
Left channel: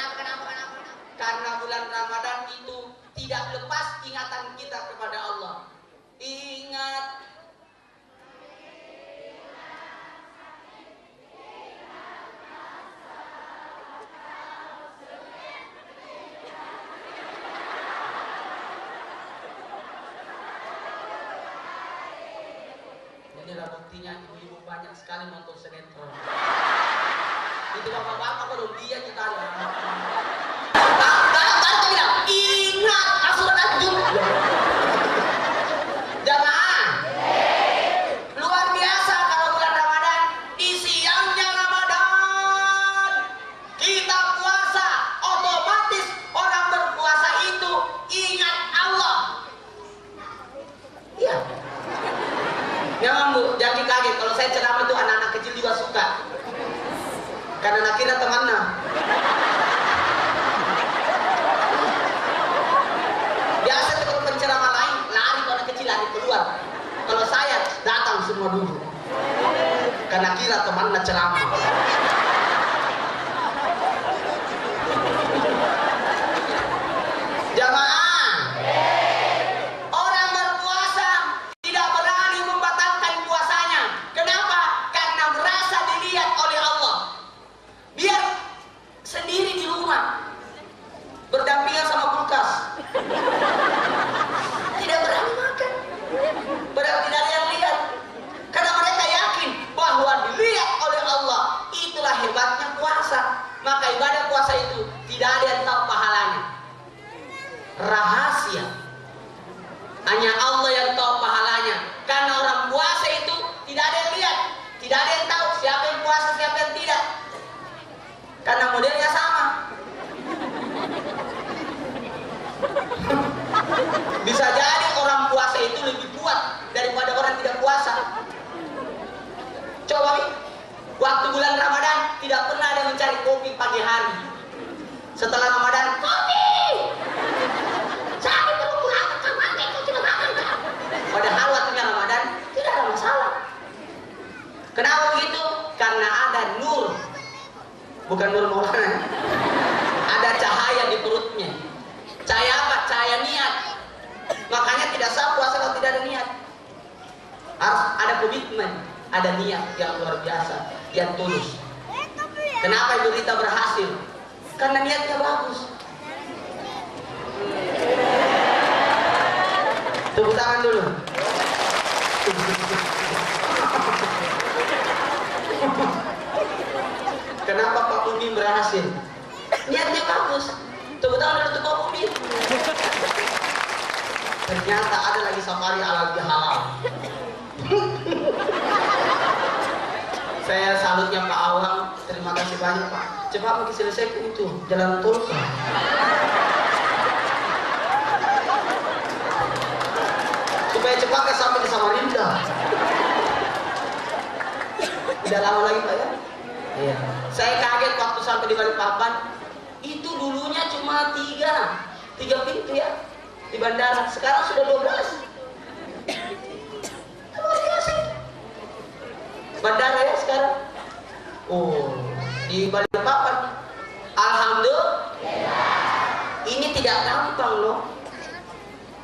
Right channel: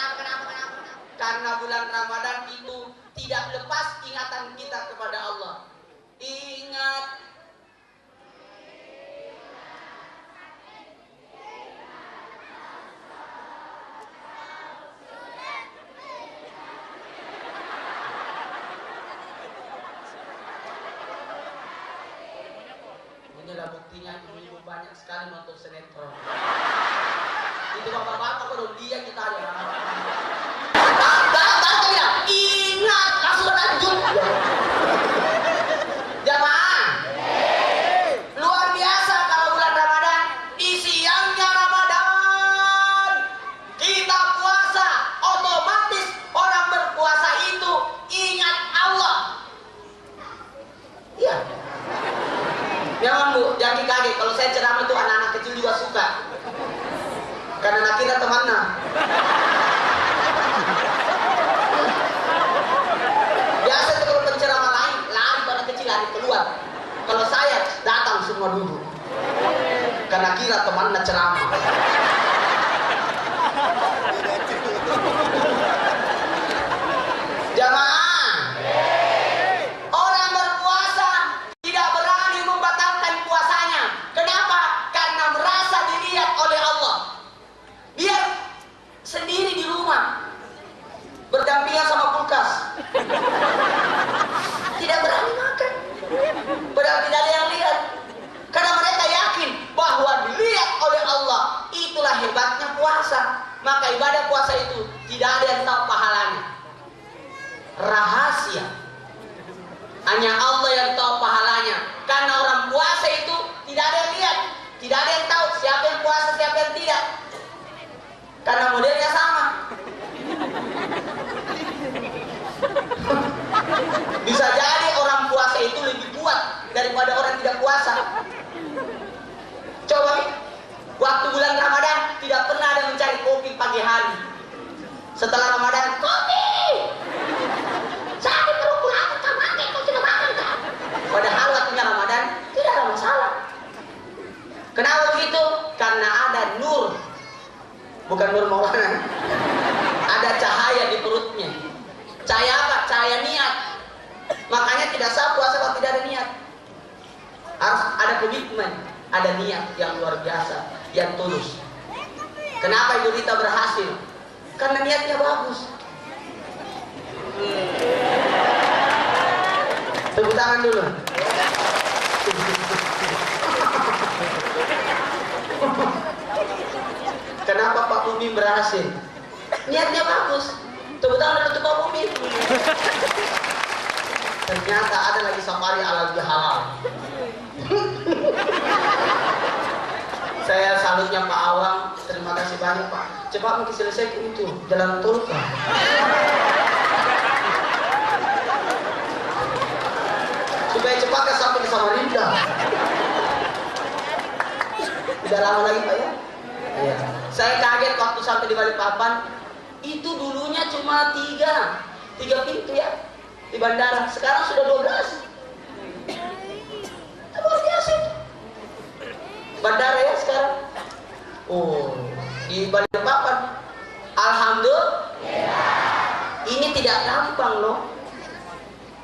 Karena bulan Ramadan itu tidak lepas ingatan kita kepada Allah. Ingat. Inilah buktinya ibu banyak sekali nonton sinetron. Itu bapak-bapak baru dia kita ada. Ingat, langsung lanjut. Jamaah, luar biasa kalau bulan Ramadan. Di siangnya Ramadan kita puasa, otomatis orang berpuasa itu ingat Allah. Iya. Jangan Bu, jangan kaget kalau saya ceramah itu anak-anak kecil juga suka. Karena kita temannya. Biasa kalau penceramah lain lari pada kecil lari keluar. Kalau saya datang semua dulu. Karena kira temannya ceramah. Jamaah. Orang berpuasa tidak berani membatalkan puasanya. Kenapa? Karena merasa dilihat oleh Allah. Biar sendiri di rumah berdampingan sama kulkas. maka ibadah puasa itu tidak ada yang tahu pahalanya. Rahasia. Hanya Allah yang tahu pahalanya. Karena orang puasa itu tidak ada yang lihat, tidak ada yang tahu siapa yang puasa, siapa yang tidak. Karena modelnya sama. Bisa jadi orang puasa itu lebih kuat daripada orang tidak puasa. Coba nih, waktu bulan Ramadan tidak pernah ada mencari kopi pagi hari. Setelah Ramadan, kopi. Sakit perut aku mati, aku tidak makan. Padahal waktunya Ramadan tidak ada masalah. Kenapa begitu? Karena ada nur. Bukan nur Maulana. Ada cahaya di perutnya. Cahaya apa? Cahaya niat. Makanya tidak sah puasa kalau tidak ada niat. Harus ada komitmen, ada niat yang luar biasa, yang tulus. Kenapa Ibu Rita berhasil? Karena niatnya bagus. Tepuk tangan dulu. Kenapa Pak Umi berhasil? Niatnya bagus. Tepuk tangan untuk Pak Umi. Ternyata ada lagi safari halal bihalal. Saya salutnya Pak Awang. Terima kasih banyak Pak. Cepat mungkin selesai itu jalan tol. Supaya cepat ke sampai di Samarinda. Tidak lama lagi Pak ya? Iya. Saya kaget waktu sampai di Balikpapan. Itu dulunya cuma tiga pintu ya di bandara. Sekarang sudah 12. Luar biasa. Bandara ya sekarang. Oh, di Balikpapan. Alhamdulillah. Ini tidak gampang loh.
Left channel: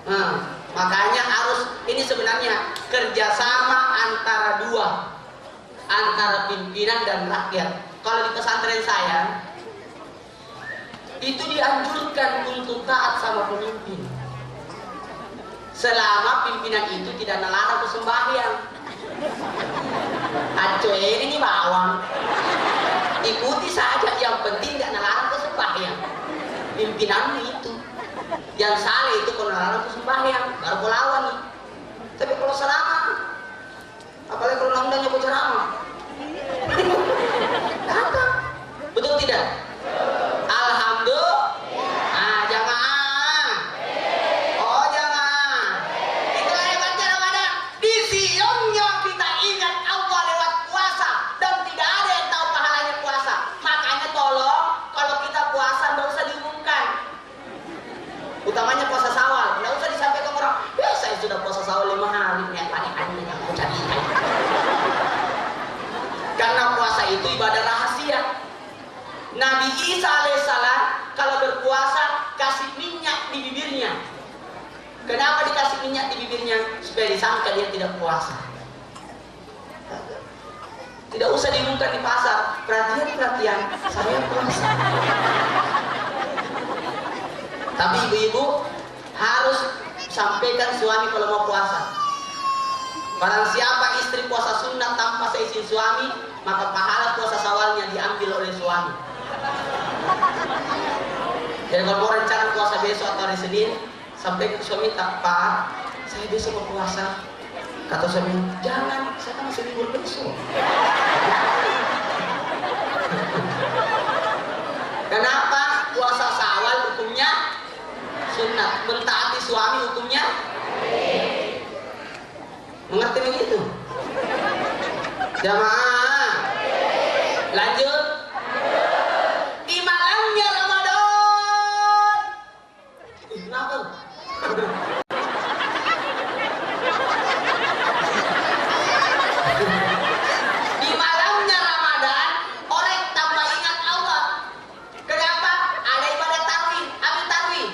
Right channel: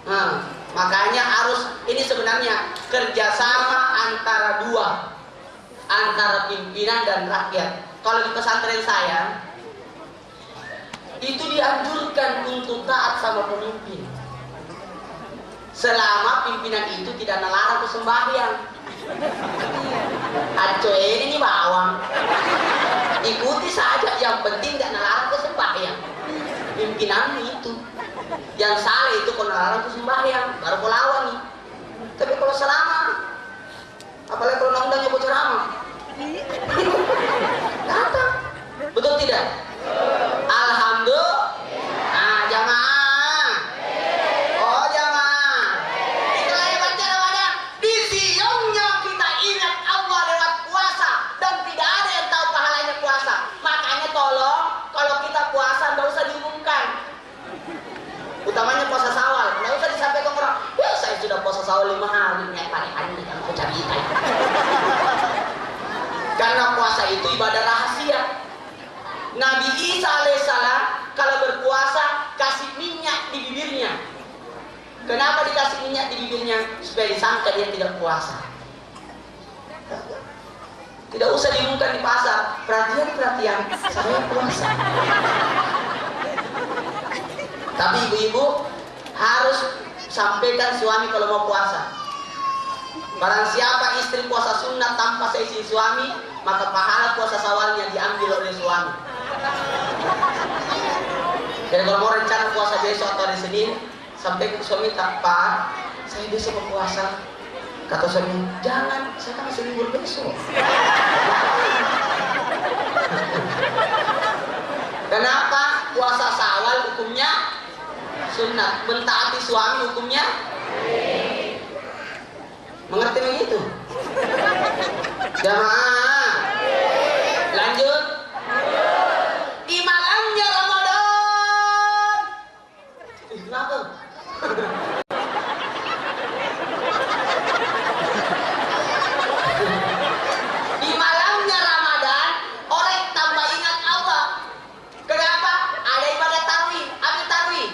Nah, makanya harus ini sebenarnya kerjasama antara dua, antara pimpinan dan rakyat. Kalau di pesantren saya itu dianjurkan untuk taat sama pemimpin selama pimpinan itu tidak melarang sembahyang. Aco ini bawang ikuti saja, yang penting tidak melarang sembahyang. Pimpinan itu yang salah itu kalau melarang sembahyang baru kau lawan. Tapi kalau selama, apalagi kalau undangnya bocor ceramah, kata betul tidak? Alhamdulillah. Nah, jamaah. Oh, jamaah. Itu hebatnya Ramadan. Di siangnya kita ingat Allah lewat puasa dan tidak ada yang tahu pahalanya puasa. Makanya tolong kalau kita puasa enggak usah diumumkan. Utamanya puasa Syawal. Enggak usah disampaikan orang, "Ya, saya sudah puasa Syawal 5 hari." Aku jadi. Karena puasa itu ibadah rahasia. Nabi Isa alaihissalam kalau berpuasa kasih minyak di bibirnya. Kenapa dikasih minyak di bibirnya? Supaya disangka dia tidak puasa. Tidak usah diumumkan di pasar. Perhatian, saya puasa. Tapi ibu-ibu harus sampaikan suami kalau mau puasa. Barang siapa istri puasa sunnah tanpa seizin suami, maka pahala puasa Syawalnya diambil oleh suami. Jadi kalau mau rencana puasa besok atau hari Senin, sampai ke suami tak, "Pak, saya besok mau puasa." Kata suami, "Jangan, saya kan masih libur besok." Kenapa? Puasa Syawal hukumnya sunnah, mentaati suami hukumnya. Mengerti begitu? Jamaah. Lanjut. Di malamnya Ramadan. Kenapa? Di malamnya Ramadan, orang tambah ingat Allah. Kenapa? Ada ibadah tarawih. Apa tarawih?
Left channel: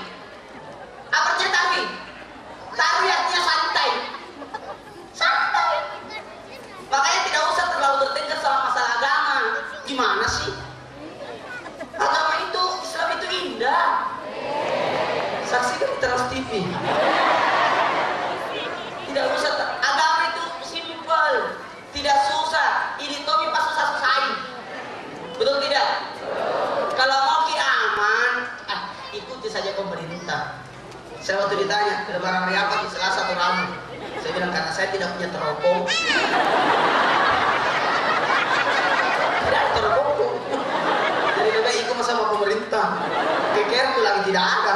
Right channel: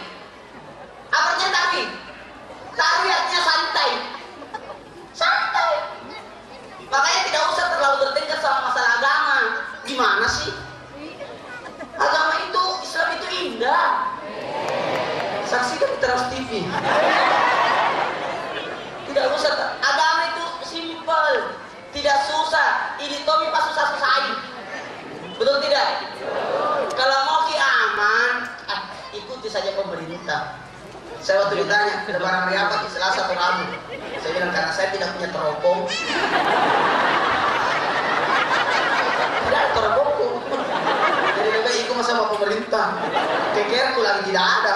Apa artinya tarawih? Tarawih artinya santai. Santai. Makanya tidak usah terlalu bertengkar sama masalah agama. Gimana sih? Agama itu, Islam itu indah. Saksikan di Trans TV. Tidak usah. Agama itu simpel, tidak susah. Ini Tommy pas susah-susahin. Betul tidak? Saya waktu ditanya, lebaran hari apa? Selasa atau Rabu? Saya bilang, karena saya tidak punya teropong. Tidak ada teropong. Jadi lebih ikut sama pemerintah. Kekerku lagi tidak ada.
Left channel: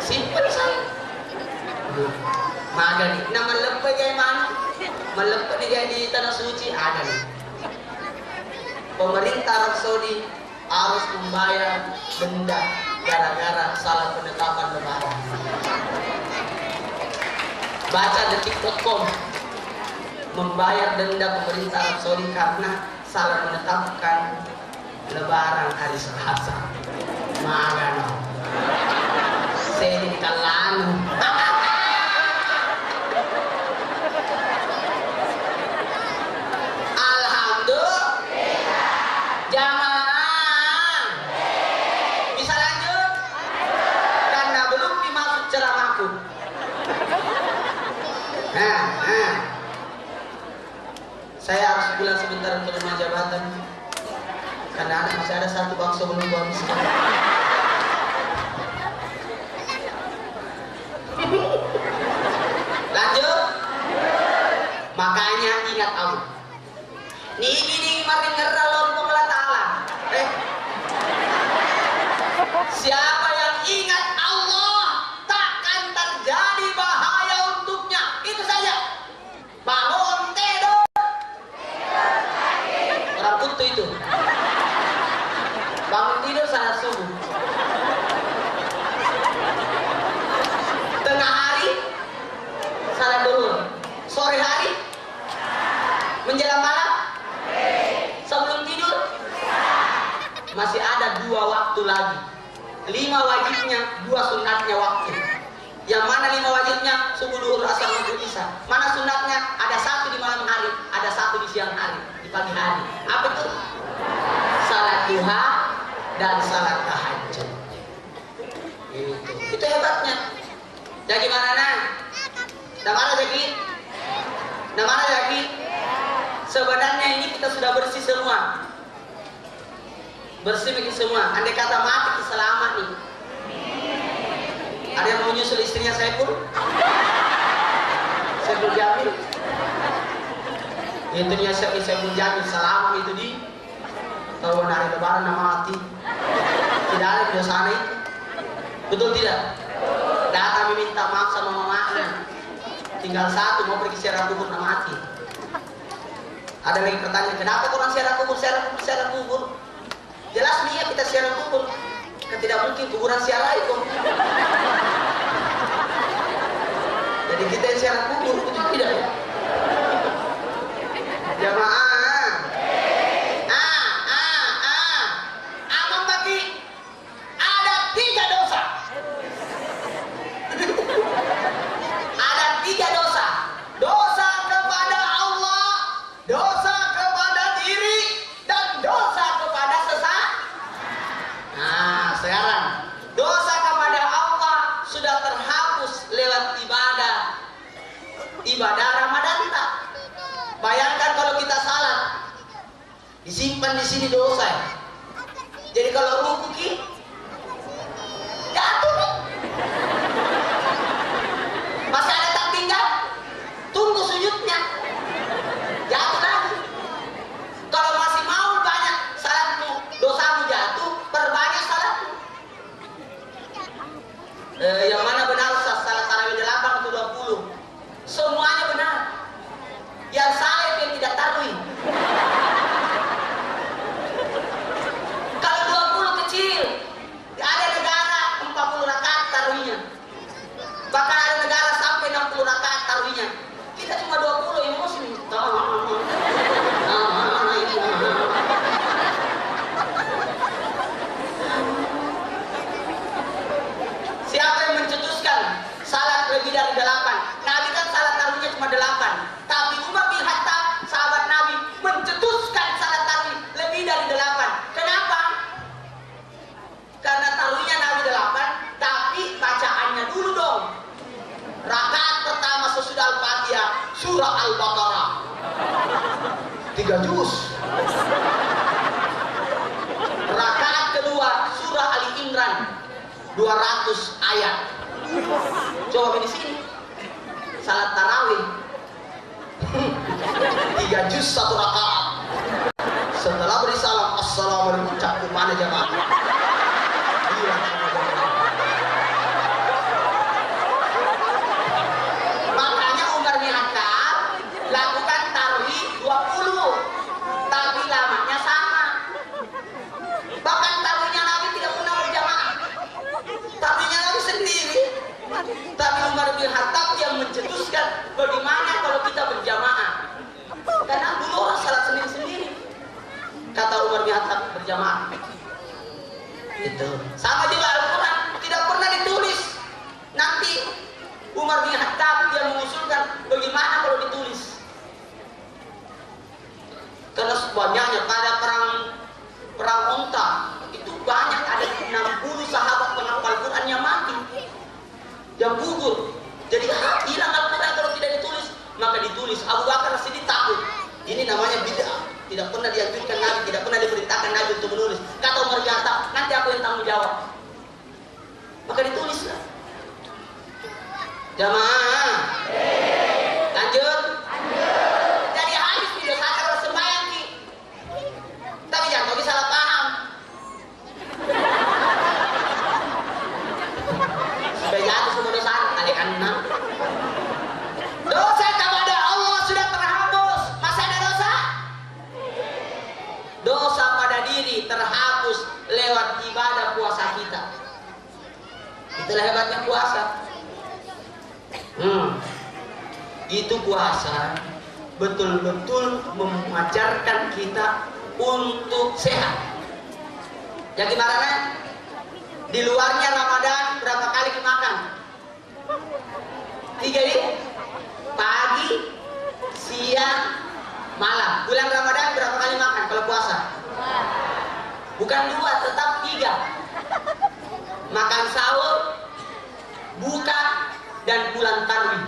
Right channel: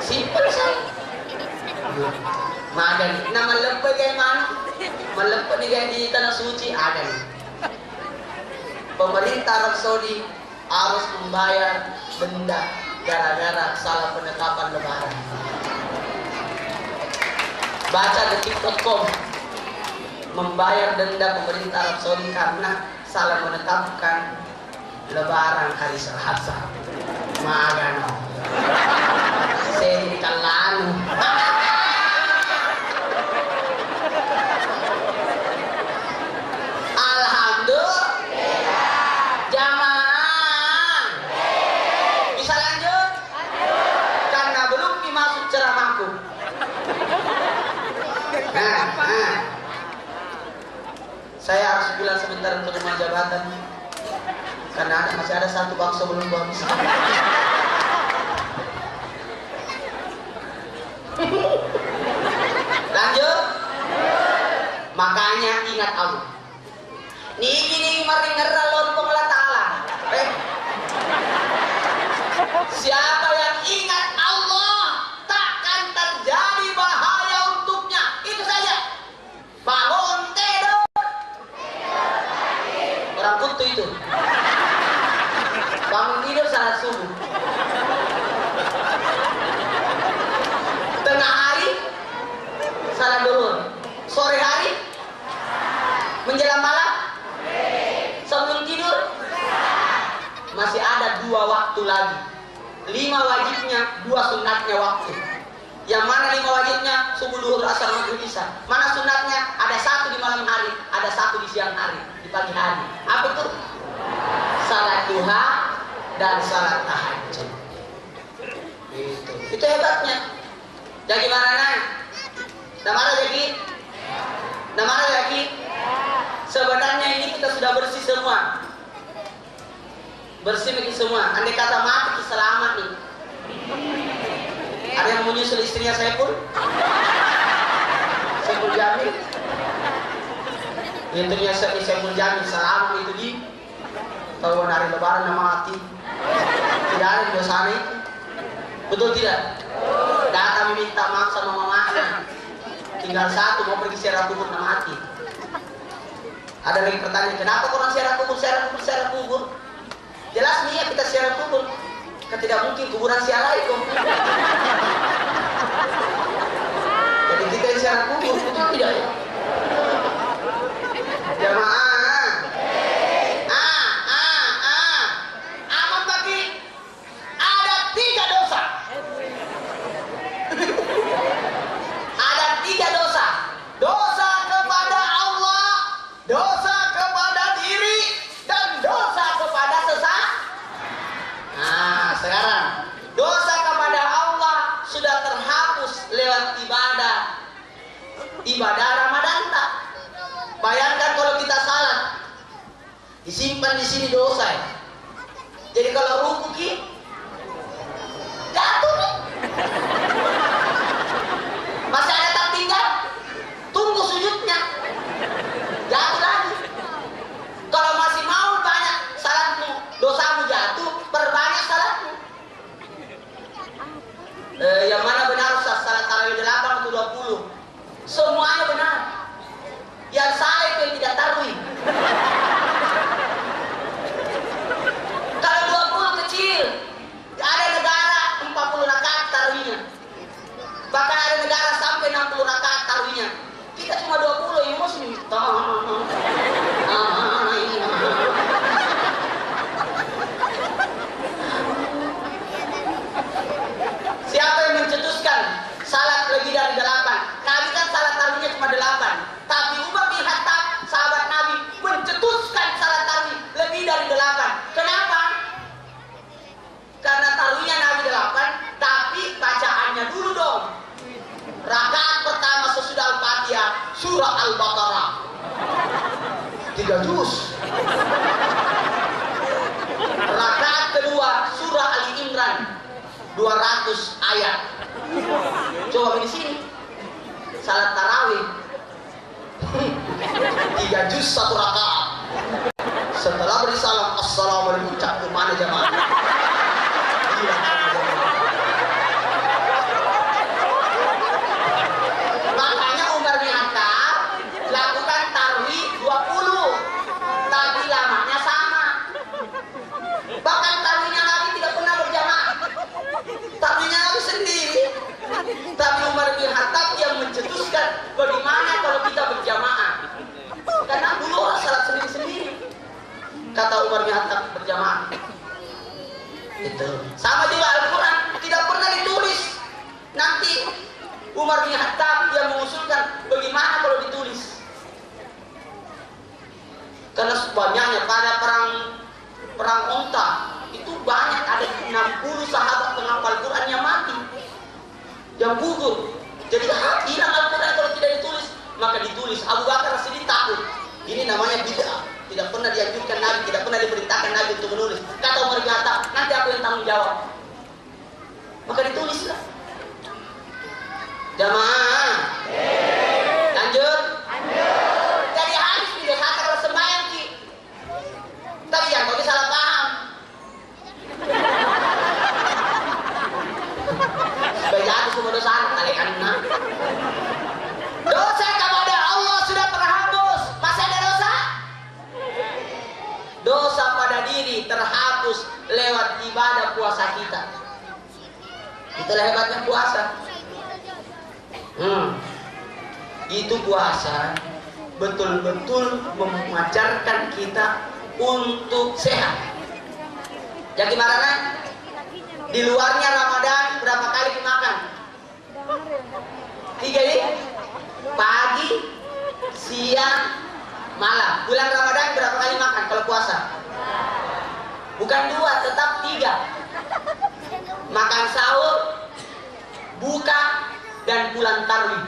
Simpel saya. Maga nih, nama lempe kayak mana? Melempe di tanah suci ada nih. Pemerintah Arab Saudi harus membayar denda gara-gara salah penetapan lebaran. Baca detik.com, membayar denda pemerintah Arab Saudi karena salah menetapkan lebaran hari Selasa. Magano. Saya di kalanu. Saya harus pulang sebentar untuk rumah jabatan karena masih ada satu bangsa belum habis. Lanjut. Makanya ingat Allah. Ini mari ngeralon Allah Ta'ala. Siapa yang ingat Allah takkan terjadi bahaya untuknya. Itu saja. Bangun tidur. Orang kutu itu. Bangun tidur saat subuh. Tengah hari salat duhur. Sore hari menjelang malam sebelum tidur masih ada 2 waktu lagi. 5 wajibnya, 2 sunatnya waktu. Yang mana 5 wajibnya? Subuh, duhur, asar, maghrib, isya. Mana sunatnya? Ada 1 di malam hari, ada 1 di siang hari, di pagi hari. Apa itu? Salat duha dan salat tahajud. Itu hebatnya. Jadi mana? Namanya lagi? Namanya lagi? Sebenarnya ini kita sudah bersih semua. Bersih ini semua. Andai kata mati kita selamat nih. Ada yang menyusul istrinya saya pun. Saya pun jamin. Intinya saya pun jamin selamat itu di tahun hari lebaran nama mati. Tidak ada di sana itu. Betul tidak? Datang minta maaf sama mamanya. Tinggal 1 mau pergi ziarah kubur nama mati. Ada lagi pertanyaan, kenapa orang ziarah kubur? Jelas nih ya kita ziarah kubur. Kan tidak mungkin kuburan ziarah itu. Jadi kita ziarah kubur itu tidak ya. Jamaah. Aman bagi ada 3 dosa. Ada 3 dosa. Dosa kepada Allah, dosa kepada diri, dan dosa kepada sesama. Nah, sekarang dosa kepada Allah sudah terhapus lewat ibadah Ramadan tak. Bayangkan kalau kita salat, disimpan di sini dosa. Jadi kalau ruku jatuh nih. Masih ada tak tinggal, tunggu sujudnya. Jatuh lagi. Kalau masih mau banyak salatmu, dosamu jatuh, perbanyak salatmu. Yang mana benar salat tarawih 8 atau 20? Semuanya benar. Yang saya yang tidak taruhi. Kalau 20 kecil, ada negara 40 rakaat taruhnya. Bahkan ada negara sampai 60 rakaat taruhnya. Kita cuma 20 yang muslim. Siapa yang mencetus 200 ayat. Coba di sini salat tarawih 3 juz 1 rakaat. Setelah beri salam, assalamualaikum, cak mana jamaah. Makanya Umar bin Khattab lakukan tarawih 20, tapi lamanya sama. Bahkan tarawihnya Nabi tidak pernah berjamaah, tarawihnya Nabi sendiri. Tapi Umar bin Khattab yang mencetuskan bagaimana kalau kita berjamaah. Karena dulu orang salat sendiri-sendiri. Kata Umar bin Khattab berjamaah. Itu. Sama juga Al-Quran tidak pernah ditulis. Nanti Umar bin Khattab yang mengusulkan bagaimana kalau ditulis. Karena banyaknya pada perang Onta itu banyak, ada 60 sahabat penghafal Quran yang mati, yang gugur. Jadi hilang Al-Quran kalau tidak ditulis. Maka ditulis. Abu Bakar Siddiq takut. Ini namanya bid'ah. Tidak pernah dianjurkan Nabi, tidak pernah diperintahkan Nabi untuk menulis. Kata Umar bin Khattab, nanti aku yang tanggung jawab. Maka ditulislah. Jamaah. Lanjut. Jadi hadis video kata kalau sembahyang ki. Tapi jangan kau salah paham. Supaya jatuh semua dosa kali karena dosa kepada Allah sudah terhapus. Masih ada dosa? Dosa pada diri terhapus lewat ibadah puasa kita. Itulah hebatnya puasa. Itu puasa betul-betul mengajarkan kita untuk sehat. Jadi gimana? Di luarnya Ramadan berapa kali makan? 3 ini? Pagi, siang, malam. Bulan Ramadan berapa kali makan kalau puasa? Bukan 2, tetap 3. Makan sahur, buka, dan bulan tarwih.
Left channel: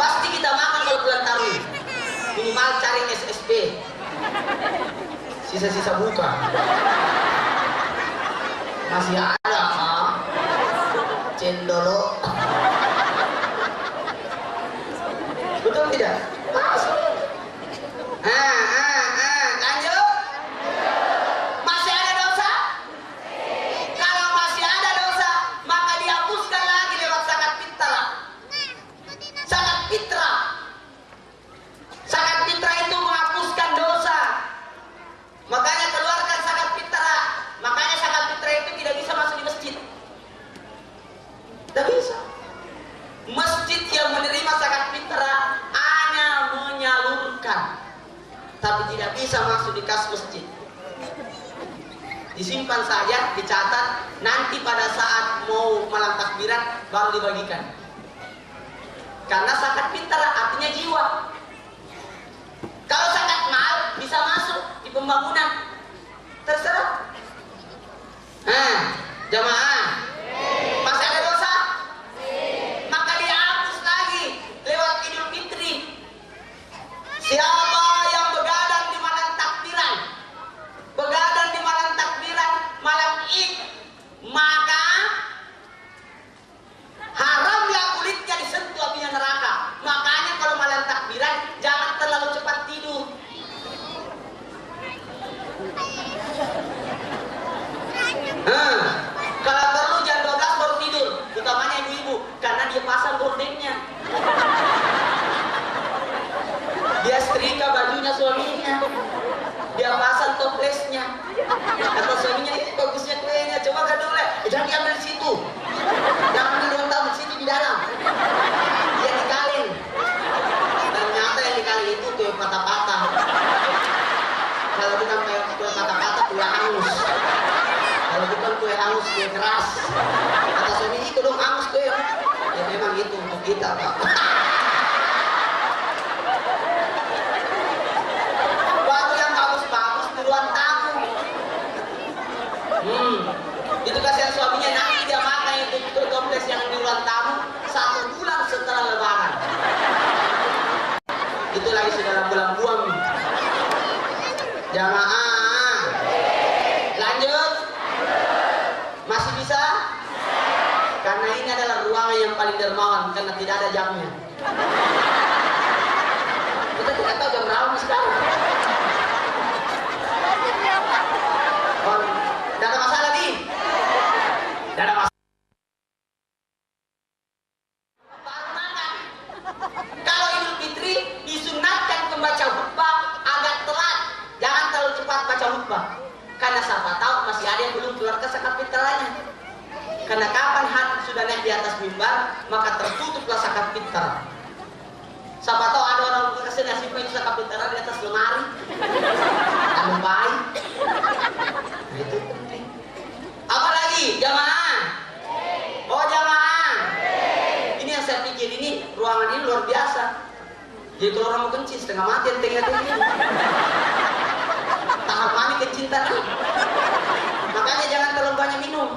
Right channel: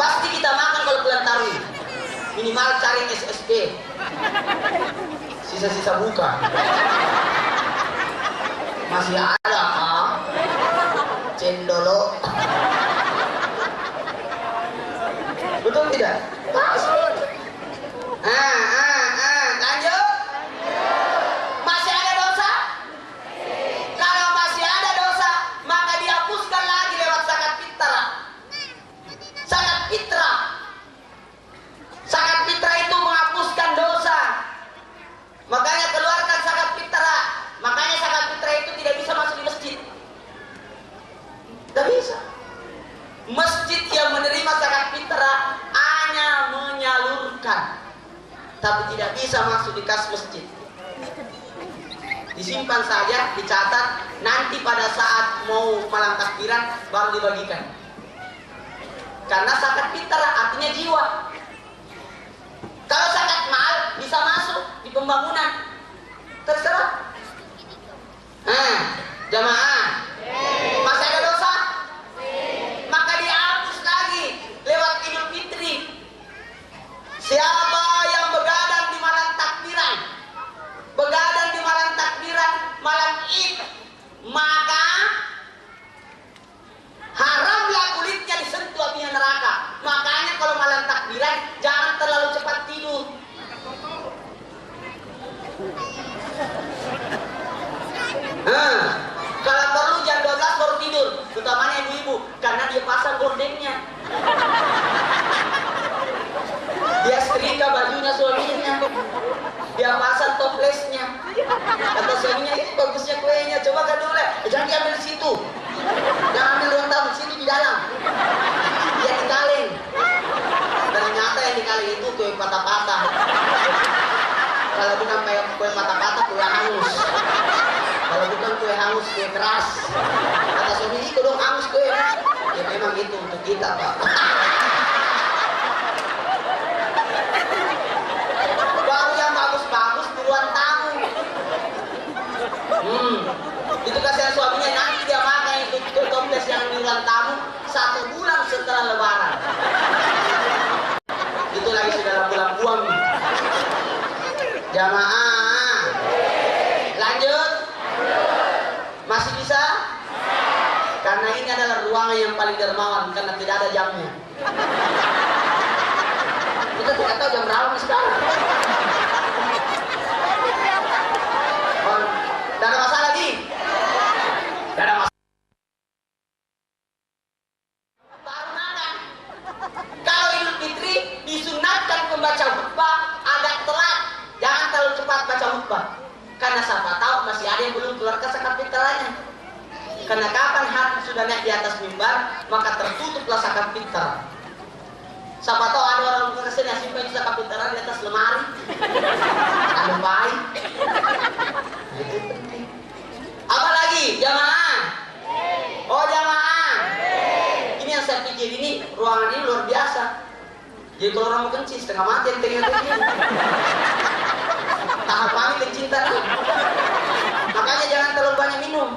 Pasti kita makan kalau bulan tarwih. Minimal cari SSB. Sisa-sisa buka. Masih ada kah? Cendolo. Betul tidak? Lanjut. Masih ada dosa? Kalau masih ada dosa, maka dihapuskan lagi lewat zakat fitrah. Zakat fitrah. Zakat fitrah itu menghapuskan dosa. Makanya keluarkan zakat fitrah. Makanya zakat fitrah itu tidak bisa masuk di masjid. Tidak bisa. Masjid yang menerima zakat fitrah hanya menyalurkan, tapi tidak bisa masuk di kas masjid. Disimpan saja, dicatat, nanti pada saat mau malam takbiran baru dibagikan. Karena zakat fitrah artinya jiwa. Kalau zakat mal bisa masuk di pembangunan, terserah. Jamaah, masih ada dosa? Maka dihapus lagi lewat Idul Fitri. Siapa yang begadang di malam takbiran, malam Id, maka haramlah kulitnya disentuh apinya neraka. Makanya kalau malam takbiran jangan terlalu cepat tidur. Kalau perlu jam 12 baru tidur, utamanya ibu-ibu, karena dia pasang gordennya. Dia setrika bajunya suaminya, dia pasang toplesnya. Kata suaminya, itu bagusnya kuenya, coba kan dulu, jangan diambil di situ, jangan ambil ruang tamu, di situ di dalam. Dia dikaleng. Ternyata yang dikaleng itu kue patah-patah. Kalau bukan kue patah-patah, kue hangus. Kalau bukan kue hangus, kue keras. Kata suami, itu dong hangus kue. Ya memang itu untuk kita, Pak. Baru yang bagus-bagus puluhan tahun. Itu kasihan suaminya, nanti dia makan itu toples yang puluhan tahun 1 bulan setelah lebaran. Itu lagi sudah bulan buang. Jamaah. Lanjut. yang paling dermawan karena tidak ada jamnya. Kita tidak tahu jam berapa sekarang. Oh, tidak ada masalah di. Tidak ada masalah. Baru nada. Kalau Idul Fitri disunatkan membaca khutbah agak telat. Jangan terlalu cepat baca khutbah. Karena siapa tahu masih ada yang belum keluar zakat fitrahnya. Karena kapan hati sudah naik di atas mimbar, maka tertutuplah zakat fitrah. Siapa tahu ada orang kesini yang simpan itu zakat fitrah di atas lemari. Ada baik. Itu penting. Apalagi jamaah. Oh jamaah. Ini yang saya pikir ini ruangan ini luar biasa. Jadi kalau orang mau kencing setengah mati yang tengah-tengah. Tahap kami kencing tadi. Makanya jangan terlalu banyak minum.